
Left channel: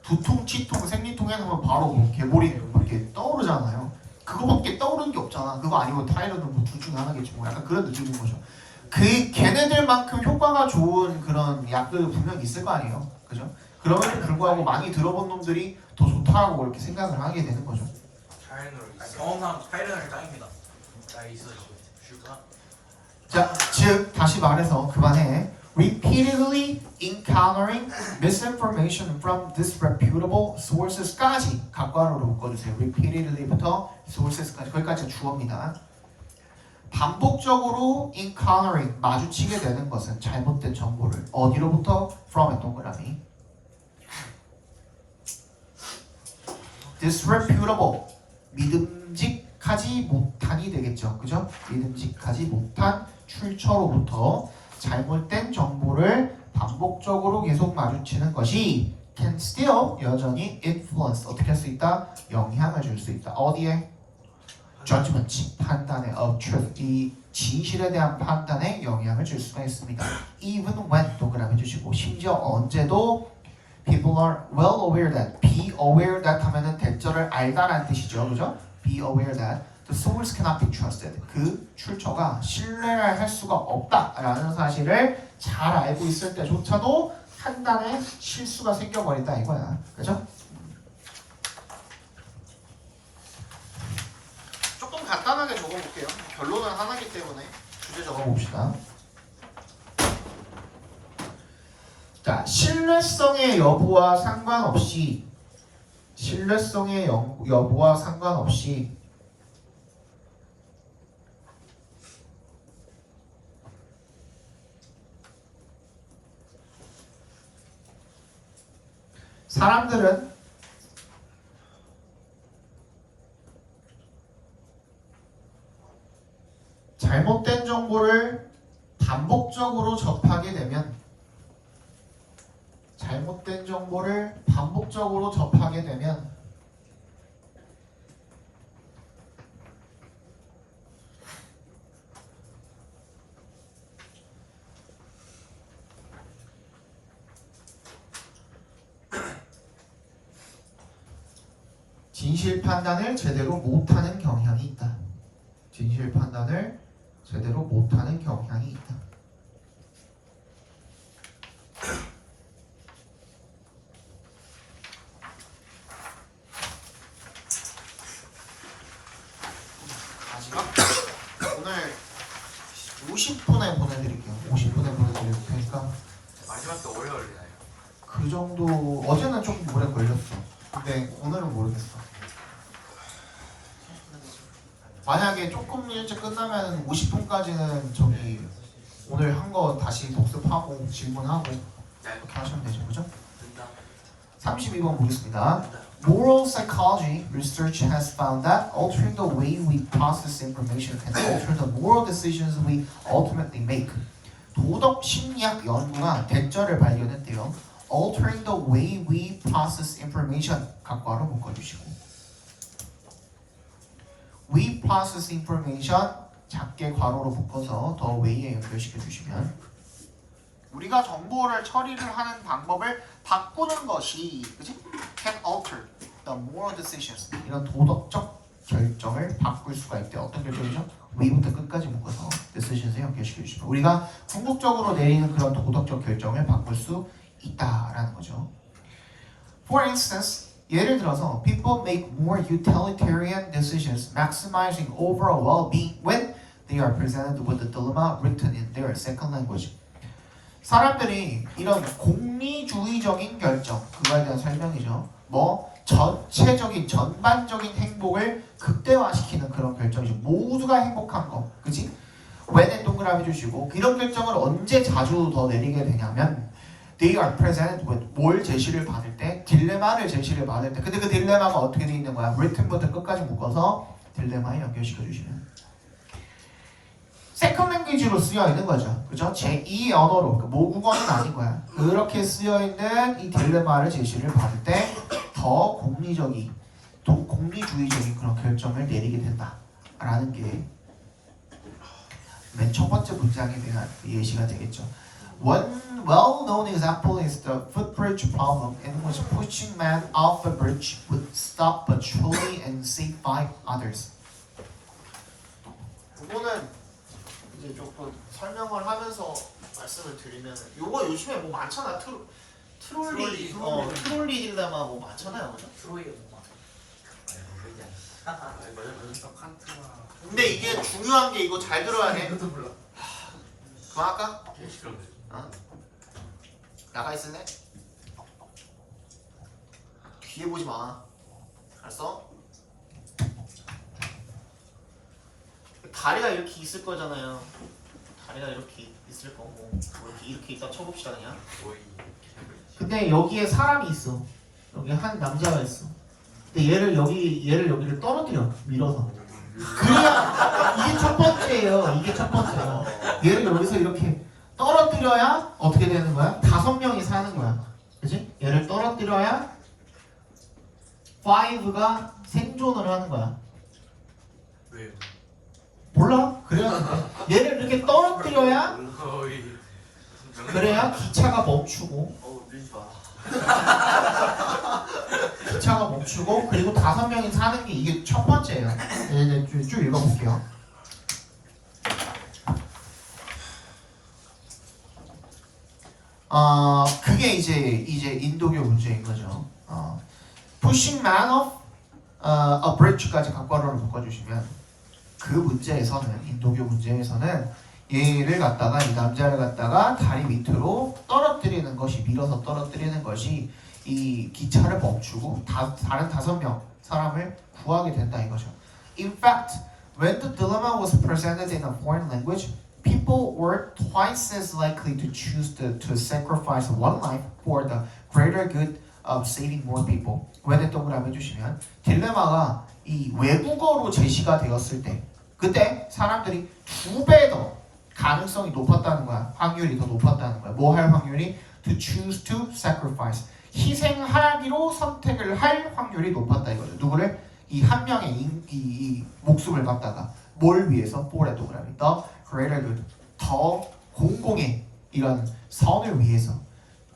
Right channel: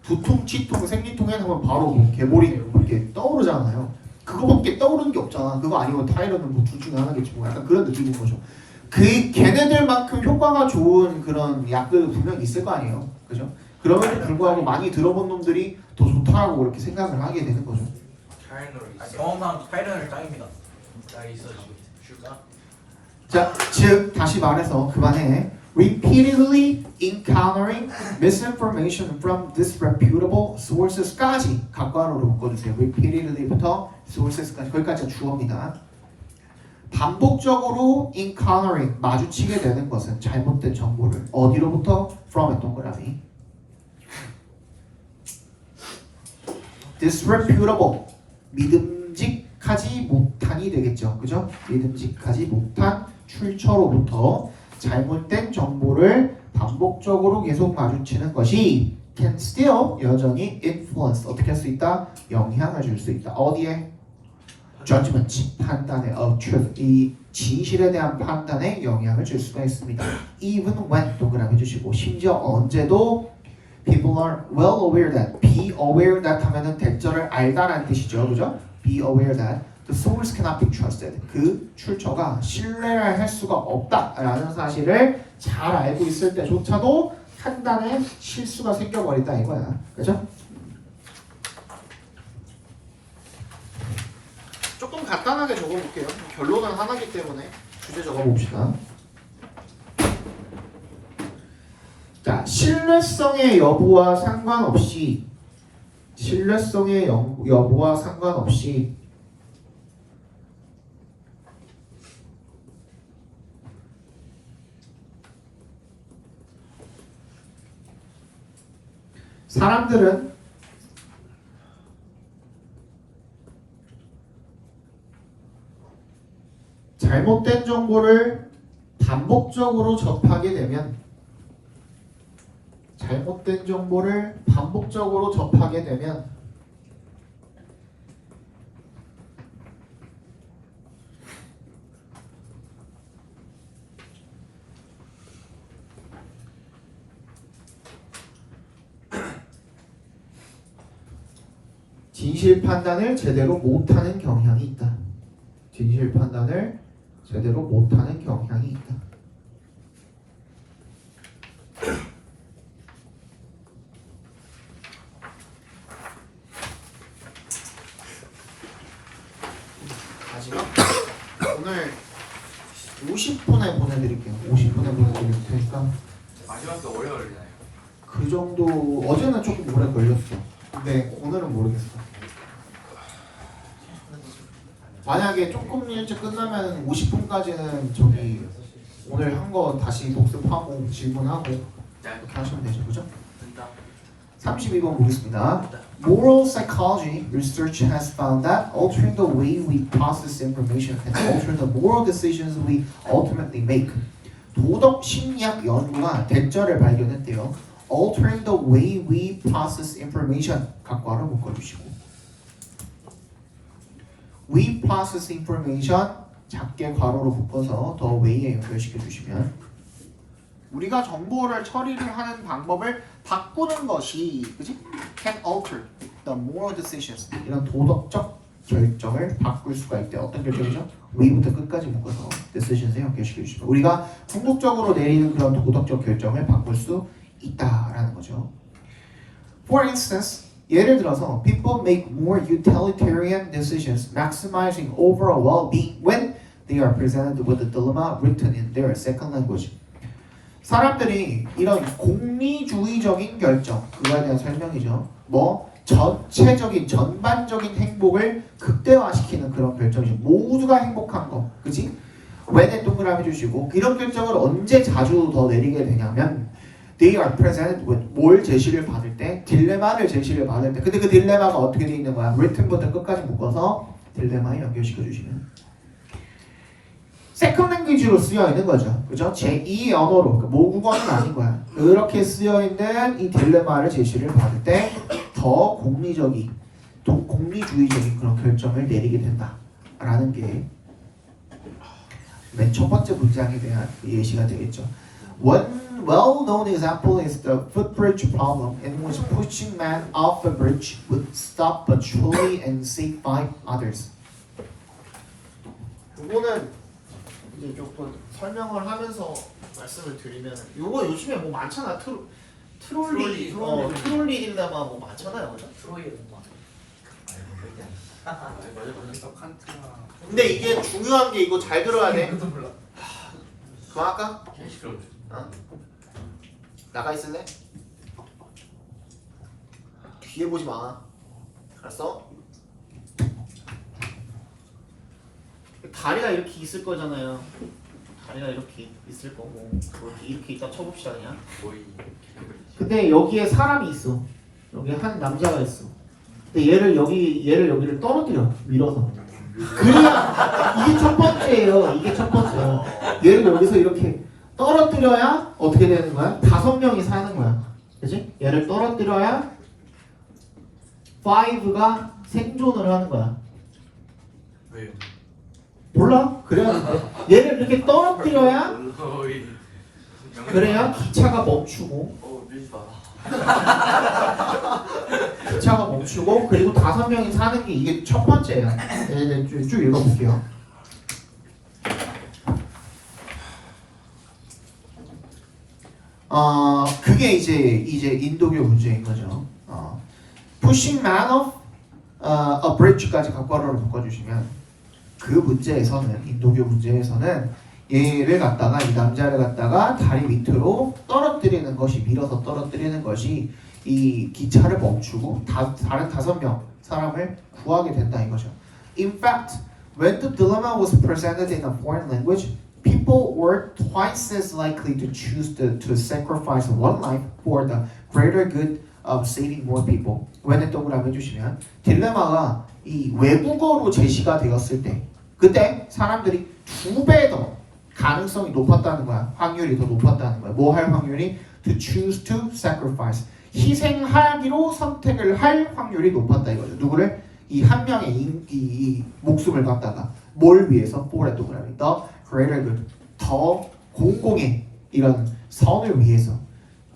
두통, 치통, 생리통 해서 바로 뭐 개보리 이렇게 떠오르잖아요. 그거밖에 떠오르는 게 없잖아. 그거 아니면 타이러든 뭐 둘 중에 하나겠지. 뭐 약간 그런 느낌인 거죠. 걔네들만큼 효과가 좋은 그런 약들 분명히 있을 거 아니에요. 그죠? 그럼에도 불구하고 많이 들어본 놈들이 더 좋다라고 그렇게 생각을 하게 되는 거죠. 경험상 파이널 짱입니다. 나 있어 줄까? 자, 즉 다시 말해서 그만해. Repeatedly encountering misinformation from disreputable sources까지 각괄호로 묶어주세요. Repeatedly부터 sources까지 거기까지가 주어입니다. 반복적으로 encountering 마주치게 되는 것은 잘못된 정보를 어디로부터? from의 동그라미. disreputable 믿음직하지 못한이 되겠죠. 그죠? 믿음직하지 못한 출처로부터 잘못된 정보를 반복적으로 계속 마주치는 것이 can still 여전히 influence 어떻게 할 수 있다? 영향을 줄 수 있다. 어디에? judgment, 판단에 of truth, 이 진실에 대한 판단에 영향을 줄 수가 있습니다. Even when 동그라미 주시고 심지어 언제도 people are well aware that, be aware that 하면은 대절을 알다라는 뜻이죠, 그죠? Be aware that the source cannot be trusted. 그 출처가 신뢰를 할 수가 없다라는 사실을 잘 알고 있을 때조차도 판단에 실수가 생겨버린다 이거야, 그죠? 조금 간단하게 적어볼게요. 결론은 하나이기 때문에 주제 적어봅시다. 자, 신뢰성의 여부와 상관없이 사람들은 잘못된 정보를 반복적으로 접하게 되면 진실 판단을 제대로 못하는 경향이 있다. 마지막 오늘 50분에 보내드릴게요. 50분에 보내드릴 테니까 마지막에 오래 걸리나요? 그 정도. 어제는 조금 오래 걸렸어. 근데 오늘은 모르겠어. 만약에 조금 일찍 끝나면 50분까지는 저기 오늘 한 거 다시 복습하고 질문하고 이렇게 하시면 되죠, 그죠? 32번 보겠습니다. Moral psychology research has found that altering the way we process information can alter the moral decisions we ultimately make. 도덕 심리학 연구가 대절을 발견했대요. Altering the way we process information 각과로 묶어주시고, we process information 작게 괄호로 묶어서 더 way에 연결시켜 주시면 우리가 정보를 처리를 하는 방법을 바꾸는 것이, 그지? can alter the moral decisions. 이런 도덕적 결정을 바꿀 수가 있대. 어떤 결정이죠? we부터 끝까지 묶어서 decisions에 연결시켜 주시면 우리가 궁극적으로 내리는 그런 도덕적 결정을 바꿀 수 있다라는 거죠. For instance, 예를 들어서 people make more utilitarian decisions maximizing overall well-being when they are presented with a dilemma written in their second language. 사람들이 이런 공리주의적인 결정, 그거에 대한 설명이죠. 뭐 전반적인 행복을 극대화시키는 그런 결정이죠. 모두가 행복한 거, 그지? when에 동그라미 주시고, 이런 결정을 언제 자주 더 내리게 되냐면 they are presented with 뭘 제시를 받을 때, 딜레마를 제시를 받을 때. 근데 그 딜레마가 어떻게 돼 있는 거야? written부터 끝까지 묶어서 딜레마에 연결시켜 주시면 세컨 랭귀지로 쓰여 있는 거죠. 그죠? 제2의 언어로, 모국어는 아닌 거야. 그렇게 쓰여 있는 이 딜레마를 제시를 받을 때 더 공리주의적인 그런 결정을 내리게 된다라는 게 맨 첫 번째 문장에 대한 예시가 되겠죠. One well-known example is the footbridge problem, in which pushing man off a bridge would stop but truly and save five others. 이거는 이제 조금 설명을 하면서 말씀을 드리면, 이거 요즘에 뭐 많잖아. 트롤리 딜레마 뭐 많잖아요, 그죠? 근데 이게 중요한 게, 이거 잘 들어야 돼. 그만할까? 어? 나가 있을래? 뒤에 보지 마. 알았어? 다리가 이렇게 있을 거잖아요. 다리가 이렇게 있을 거고, 이렇게 있다 쳐봅시다 그냥. 근데 여기에 사람이 있어. 여기 한 남자가 있어. 근데 얘를 여기를 떨어뜨려, 밀어서. 그래야 이게 첫 번째예요. 이게 첫 번째야. 얘를 여기서 이렇게 떨어뜨려야 어떻게 되는 거야? 5명이 사는 거야. 그치? 얘를 떨어뜨려야 5가 생존을 하는 거야. 왜요? 몰라? 그래야 얘를 이렇게 떨어뜨려야 거의 그래야 기차가 멈추고 밀지 마. 기차가 멈추고 그리고 5명이 사는 게 이게 첫 번째예요. 네, 쭉 읽어볼게요. 그게 이제 인도교 문제인 거죠. pushing man off a bridge까지 각괄호를 묶어주시면 그 문제에서는 인도교 문제에서는 얘를 갖다가 이 남자를 갖다가 다리 밑으로 떨어뜨리는 것이 밀어서 떨어뜨리는 것이 이 기차를 멈추고 다른 5명 사람을 구하게 된다 이거죠. In fact, when the dilemma was presented in a foreign language, people were twice as likely to choose to sacrifice one life for the greater good of saving more people. 왜냐 동그라미 해주시면 딜레마가 이 외국어로 제시가 되었을 때 그때 사람들이 2배 더 가능성이 높았다는 거야. 확률이 더 높았다는 거야. 뭐 할 확률이? To choose to sacrifice. 희생하기로 선택을 할 확률이 높았다 이거죠. 누구를? 이 한 명의 이 목숨을 갖다가 뭘 위해서? 뽀레 동그라미. The greater good. 더 공공의 이런 선을 위해서.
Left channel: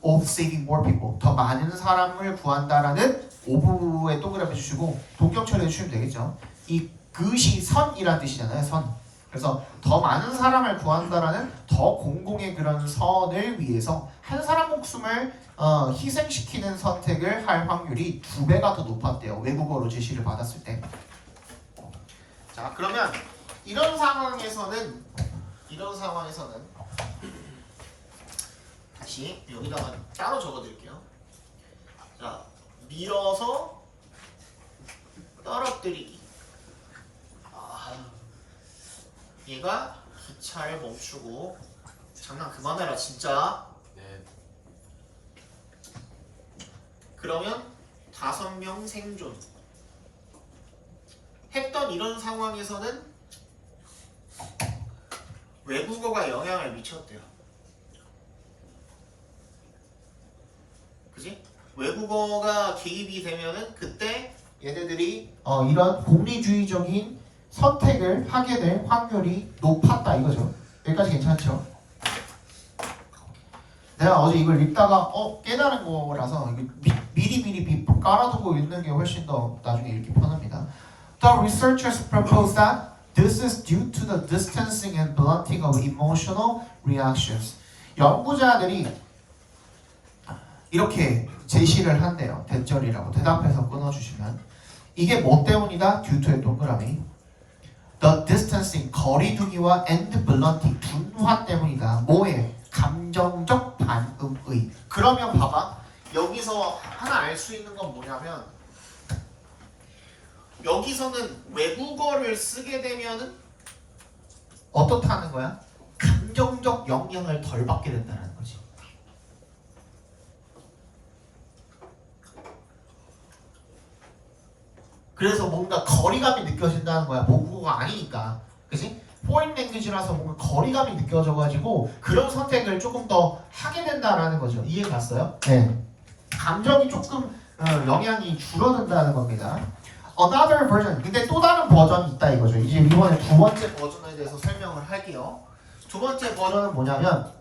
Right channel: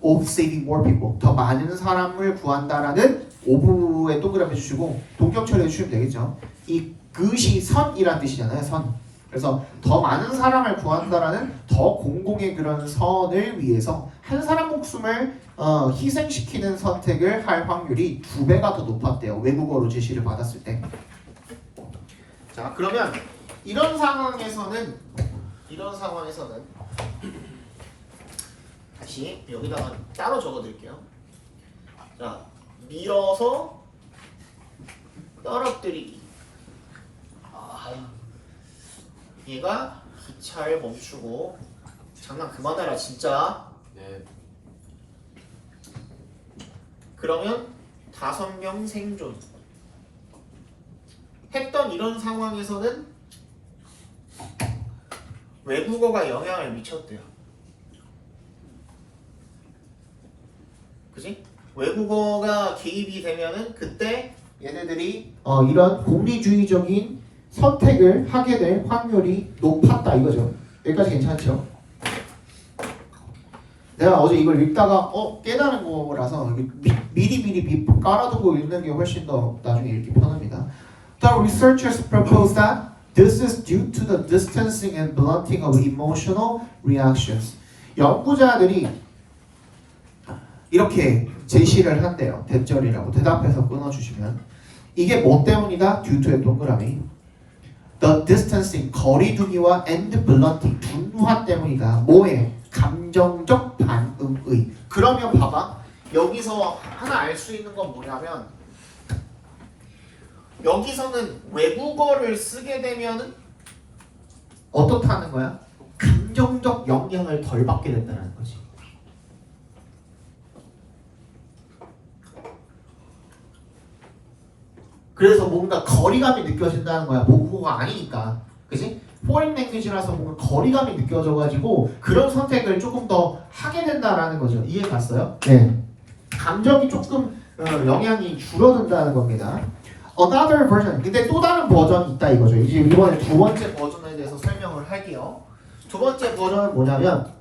Of saving more people. 더 많은 사람을 구한다라는 오브에 동그라미 주시고 동격 처리해 주시면 되겠죠. 이 그시 선이란 뜻이잖아요. 선. 그래서 더 많은 사람을 구한다라는 더 공공의 그런 선을 위해서 한 사람 목숨을 희생시키는 선택을 할 확률이 2배가 더 높았대요. 외국어로 제시를 받았을 때. 자, 그러면 이런 상황에서는 다시 여기다가 따로 적어드릴게요. 자, 밀어서 떨어뜨리기. 얘가 기차를 멈추고 장난 그만해라 진짜. 네. 그러면 5명 생존. 했던 이런 상황에서는 외국어가 영향을 미쳤대요. 그지? 외국어가 개입이 되면은 그때 얘네들이 이런 공리주의적인 선택을 하게 될 확률이 높았다 이거죠. 여기까지 괜찮죠? 내가 어제 이걸 읽다가 깨달은 거라서 미리 깔아두고 읽는 게 훨씬 더 나중에 읽기 편합니다. The researchers propose that this is due to the distancing and blunting of emotional reactions. 연구자들이 이렇게 제시를 한대요. 대절이라고 대답해서 끊어주시면 이게 뭐 때문이다? due to의 동그라미 The distancing, 거리두기와 and blunting, 둔화 때문이다. 뭐에? 감정적 반응의. 그러면 봐봐. 여기서 하나 알 수 있는 건 뭐냐면 여기서는 외국어를 쓰게 되면은 어떻다는 거야? 감정적 영향을 덜 받게 된다는 거지. 그래서 뭔가 거리감이 느껴진다는 거야. 모국어가 아니니까. 그지? 포인 랭귀지라서 뭔가 거리감이 느껴져가지고 그런 선택을 조금 더 하게 된다라는 거죠. 이해 갔어요? 네. 감정이 조금 영향이 줄어든다는 겁니다. Another version. 근데 또 다른 버전이 있다 이거죠. 이제 이번에 2번째 버전에 대해서 설명을 할게요. 2번째 버전은 뭐냐면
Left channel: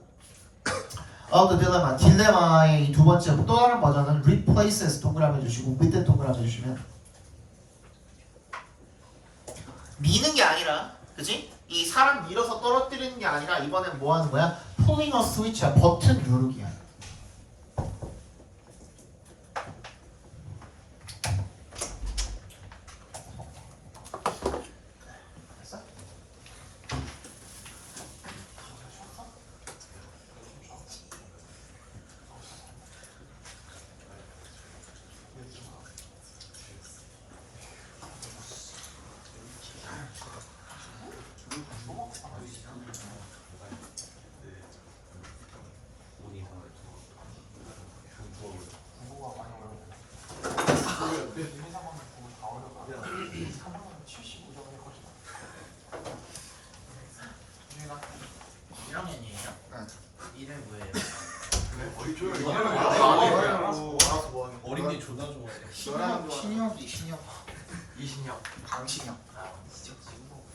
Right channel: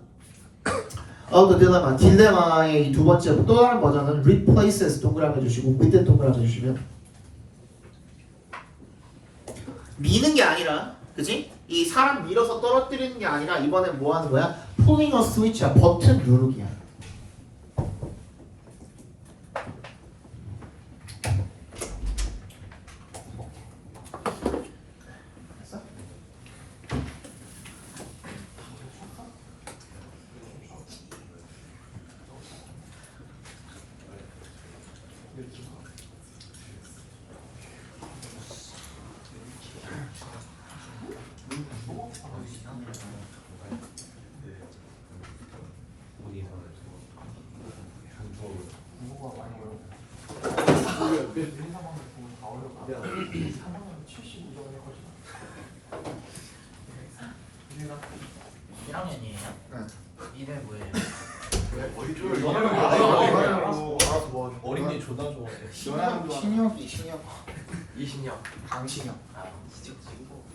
the dilemma. 딜레마의 2번째 또 다른 버전은 replaces 동그라미 주시고 with 동그라미 주시면 미는 게 아니라, 그지? 이 사람 밀어서 떨어뜨리는 게 아니라 이번엔 뭐 하는 거야? pulling a switch야. 버튼 누르기야. 됐어? 이름 뭐예요? 뭐 어린이 조다 좋아해. 신혁이 이신영 강신혁. 아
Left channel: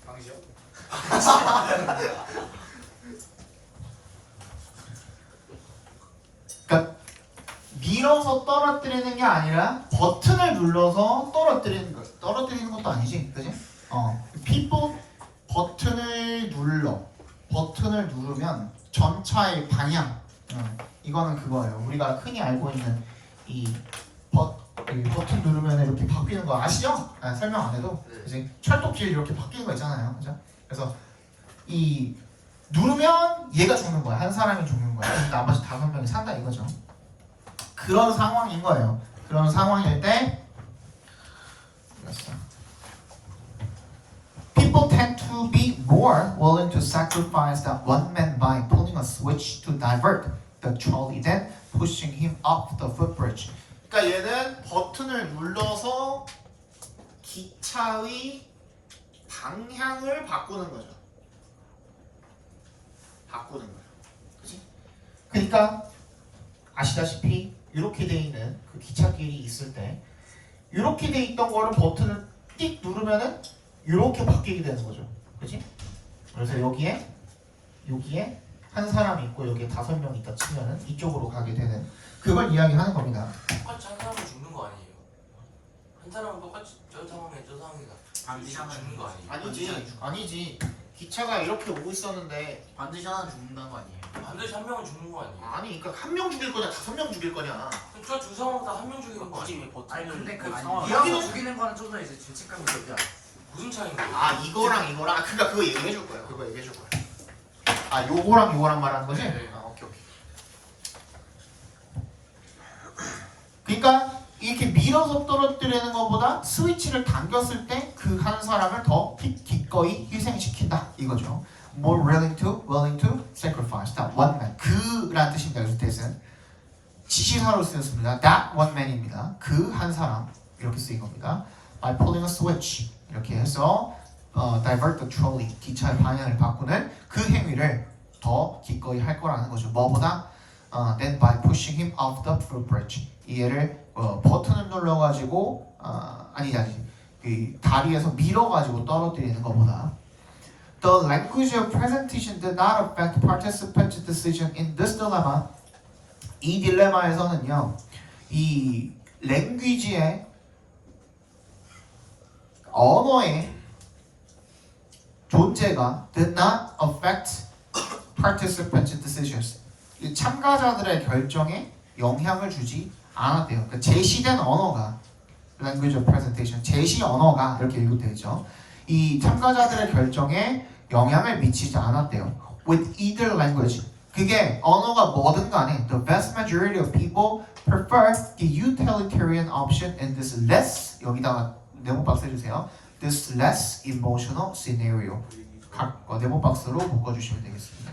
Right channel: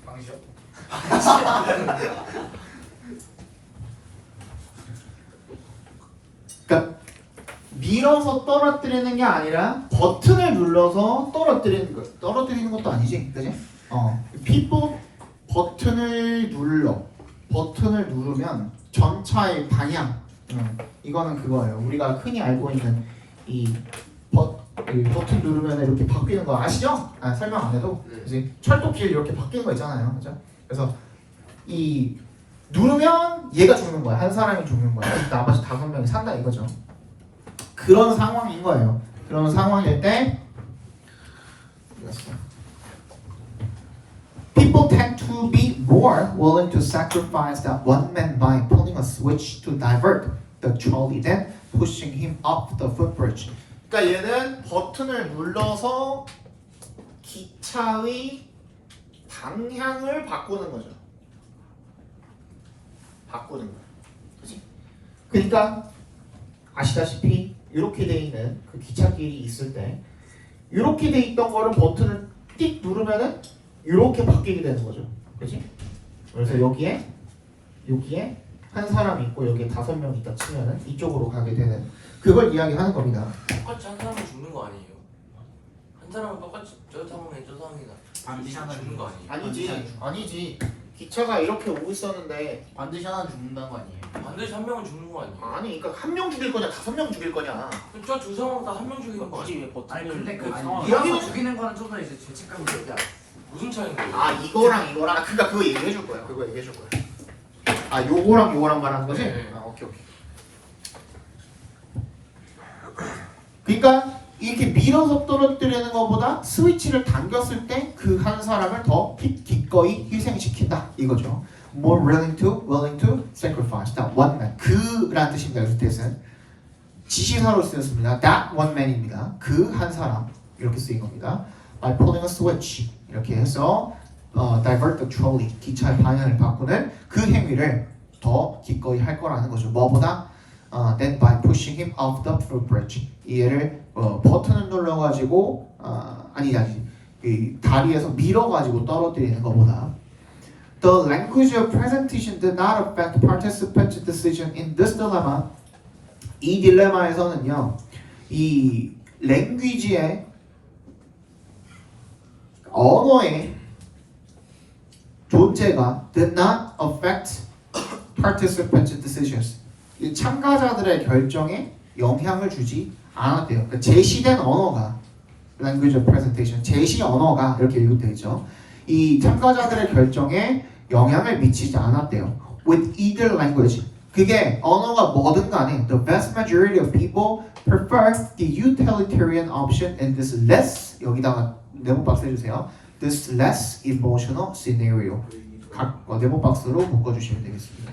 방이죠? 그러니까 밀어서 떨어뜨리는 게 아니라 버튼을 눌러서 떨어뜨리는 거. 떨어뜨리는 것도 아니지, 그지? people 버튼을 누르면 전차의 방향. 이거는 그거예요. 우리가 흔히 알고 있는 이 버튼 누르면 이렇게 바뀌는 거 아시죠? 설명 안 해도, 그지? 철도길 이렇게 바뀌는 거 있잖아요, 그죠? 그래서 이 누르면 얘가 죽는 거야. 한 사람이 죽는 거야. 나머지 5명이 산다 이거죠. 그런 상황인 거예요. 그런 상황일 때 people tend to be more willing to sacrifice that one man by pulling a switch to divert the trolley than pushing him up the footbridge. 그러니까 얘는 버튼을 눌러서 기차의 방향을 바꾸는 거죠. 바꾸는 거야. 그렇지? 그러니까 아시다시피 이렇게 돼 있는 그 기찻길이 있을 때 이렇게 돼 있던 거를 버튼을 띡 누르면은 이렇게 바뀌게 되는 거죠. 그렇지? 그래서 여기에 한 사람 있고 여기에 5명 있다 치면은 이쪽으로 가게 되는 그걸 이야기하는 겁니다. 똑같이 한 사람은 죽는 거 아니에요? 한 사람은 똑같이 저 상황에 저 상황이나 반드시 하나 죽는 거 아니에요? 아니지. 기차가 이렇게 오고 있었는데 반드시 하나 죽는다는 거 아니에요? 반드시 한 명은 죽는 거 아니에요? 아니 그러니까 1명 죽일 거냐 5명 죽일 거냐. 저 두 상황 다 한 명 죽이는 거 아니에요? 왜 버튼을 근데 그 아니, 상황 여기는- 죽이는 거는 좀 더 이제 죄책감이 들지 않아? 무슨 차이인가요? 이거랑 그러니까 그거 얘기해 줄 거야. 그거 얘기해 줄 거야. 요거랑 말하는 거지? 네. 오케이. 그러니까 이렇게 밀어서 떨어뜨리는 것보다 스위치를 당겼을 때 그 한 사람을 더 기꺼이 희생시킨다 이거죠. More willing to sacrifice that one man. 그라는 뜻입니다. 여기서 뜻은 지시사로 쓰였습니다. That one man입니다. 그 한 사람 이렇게 쓰인 겁니다. By pulling a switch 이렇게 해서 divert the trolley 기차의 방향을 바꾸는 그 행위를 더 기꺼이 할 거라는 거죠. 뭐보다 then by pushing him off the footbridge 얘를 버튼을 눌러가지고 이 다리에서 밀어가지고 떨어뜨리는 것보다 The language of presentation did not affect participants' decision in this dilemma. 이 딜레마에서는요, 이 랭귀지의 언어의 존재가 did not affect participants' decisions. 이 참가자들의 결정에 영향을 주지 않았대요. 그러니까 제시된 언어가 language of presentation, 제시 언어가 이렇게 읽으면 되죠. 이 참가자들의 결정에 영향을 미치지 않았대요. With either language, 그게 언어가 뭐든 간에 the vast majority of people prefer the utilitarian option in this less 여기다가 네모 박스 해주세요. This less emotional scenario. 각 네모 박스로 묶어주시면 되겠습니다.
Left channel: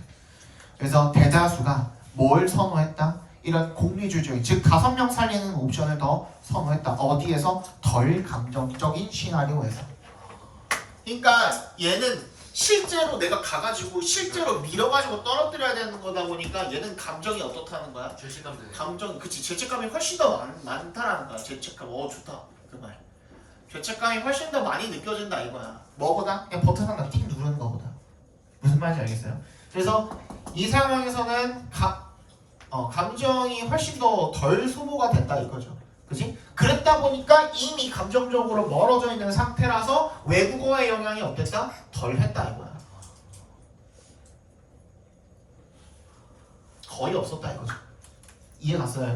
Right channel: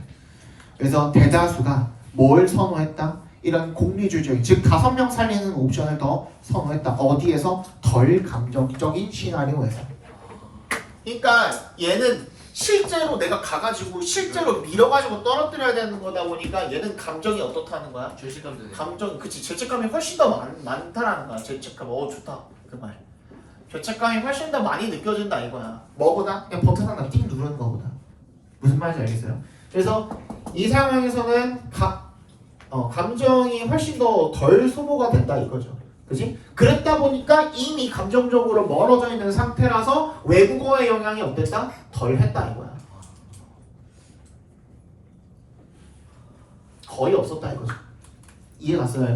그래서 대다수가 뭘 선호했다? 이런 공리주의적인 즉 5명 살리는 옵션을 더 선호했다. 어디에서? 덜 감정적인 시나리오에서. 그러니까 얘는 실제로 내가 가가지고 실제로 밀어가지고 떨어뜨려야 되는 거다 보니까 얘는 감정이 어떻다는 거야? 죄책감 드네. 감정, 그치, 죄책감이 훨씬 더 많다라는 거야. 죄책감, 좋다 그 말. 죄책감이 훨씬 더 많이 느껴진다 이거야. 뭐보다? 그냥 버튼 하나 띵 누르는 거보다. 무슨 말인지 알겠어요? 그래서 이 상황에서는 감정이 훨씬 더 덜 소모가 된다 이거죠. 그지? 그랬다 보니까 이미 감정적으로 멀어져 있는 상태라서 외국어의 영향이 어땠다? 덜 했다 이거야. 거의 없었다 이거죠. 이해 갔어요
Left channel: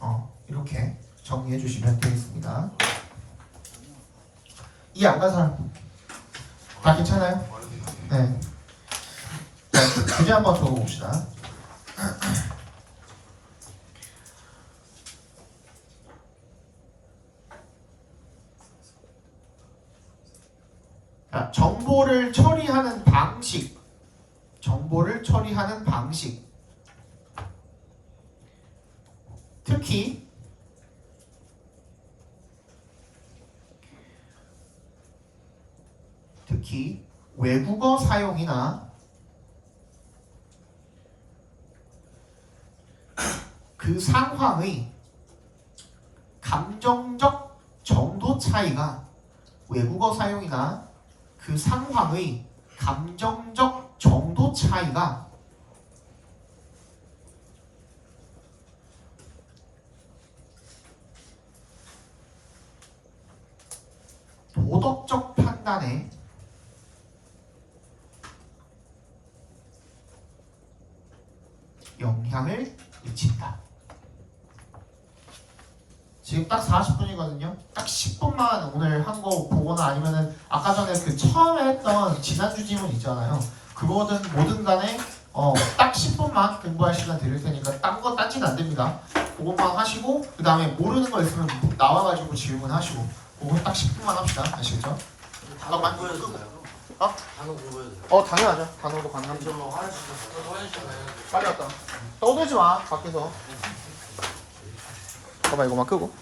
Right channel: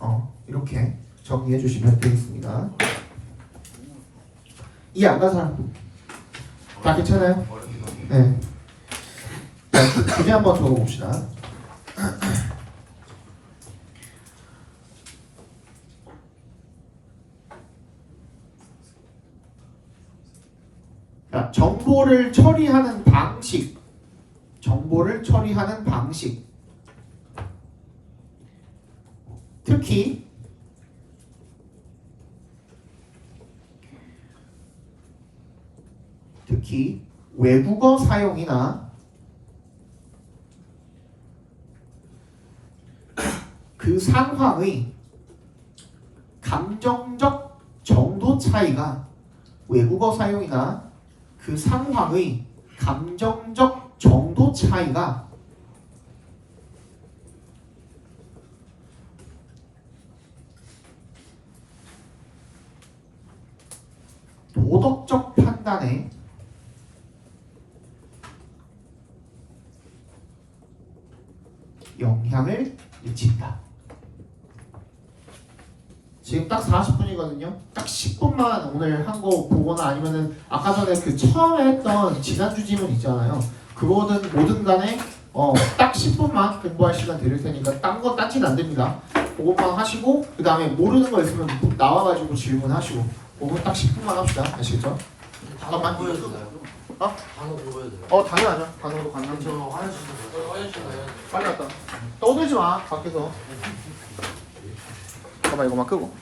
이거? 이렇게 정리해 주시면 되겠습니다. 이해 안 간 사람? 다 괜찮아요? 어렵기도 하네. 네. 자, 주제 한번 적어봅시다. 자, 정보를 처리하는 방식. 특히 외국어 사용이나 그 상황의 감정적 정도 차이가 외국어 사용이나 그 상황의 감정적 정도 차이가 도덕적 판단에 영향을 미친다. 지금 딱 40분이거든요. 딱 10분만 오늘 한 거 보거나 아니면은 아까 전에 그 처음에 했던 지난주 지문 있잖아요. 그거든 뭐든 간에 딱 10분만 공부할 시간 드릴 테니까 딴 거 딴짓 안 됩니다. 그것만 하시고 그 다음에 모르는 거 있으면 나와가지고 질문하시고 그거 딱 10분만 합시다. 아시겠죠? 단어 잠깐만. 공부해도 되나요? 어? 단어 공부해도 돼요? 당연하죠. 단어로 강남 저 화장실 화장실 가요? 빨리 갔다. 떠들지 마 밖에서. 잠깐만 이거만 끄고.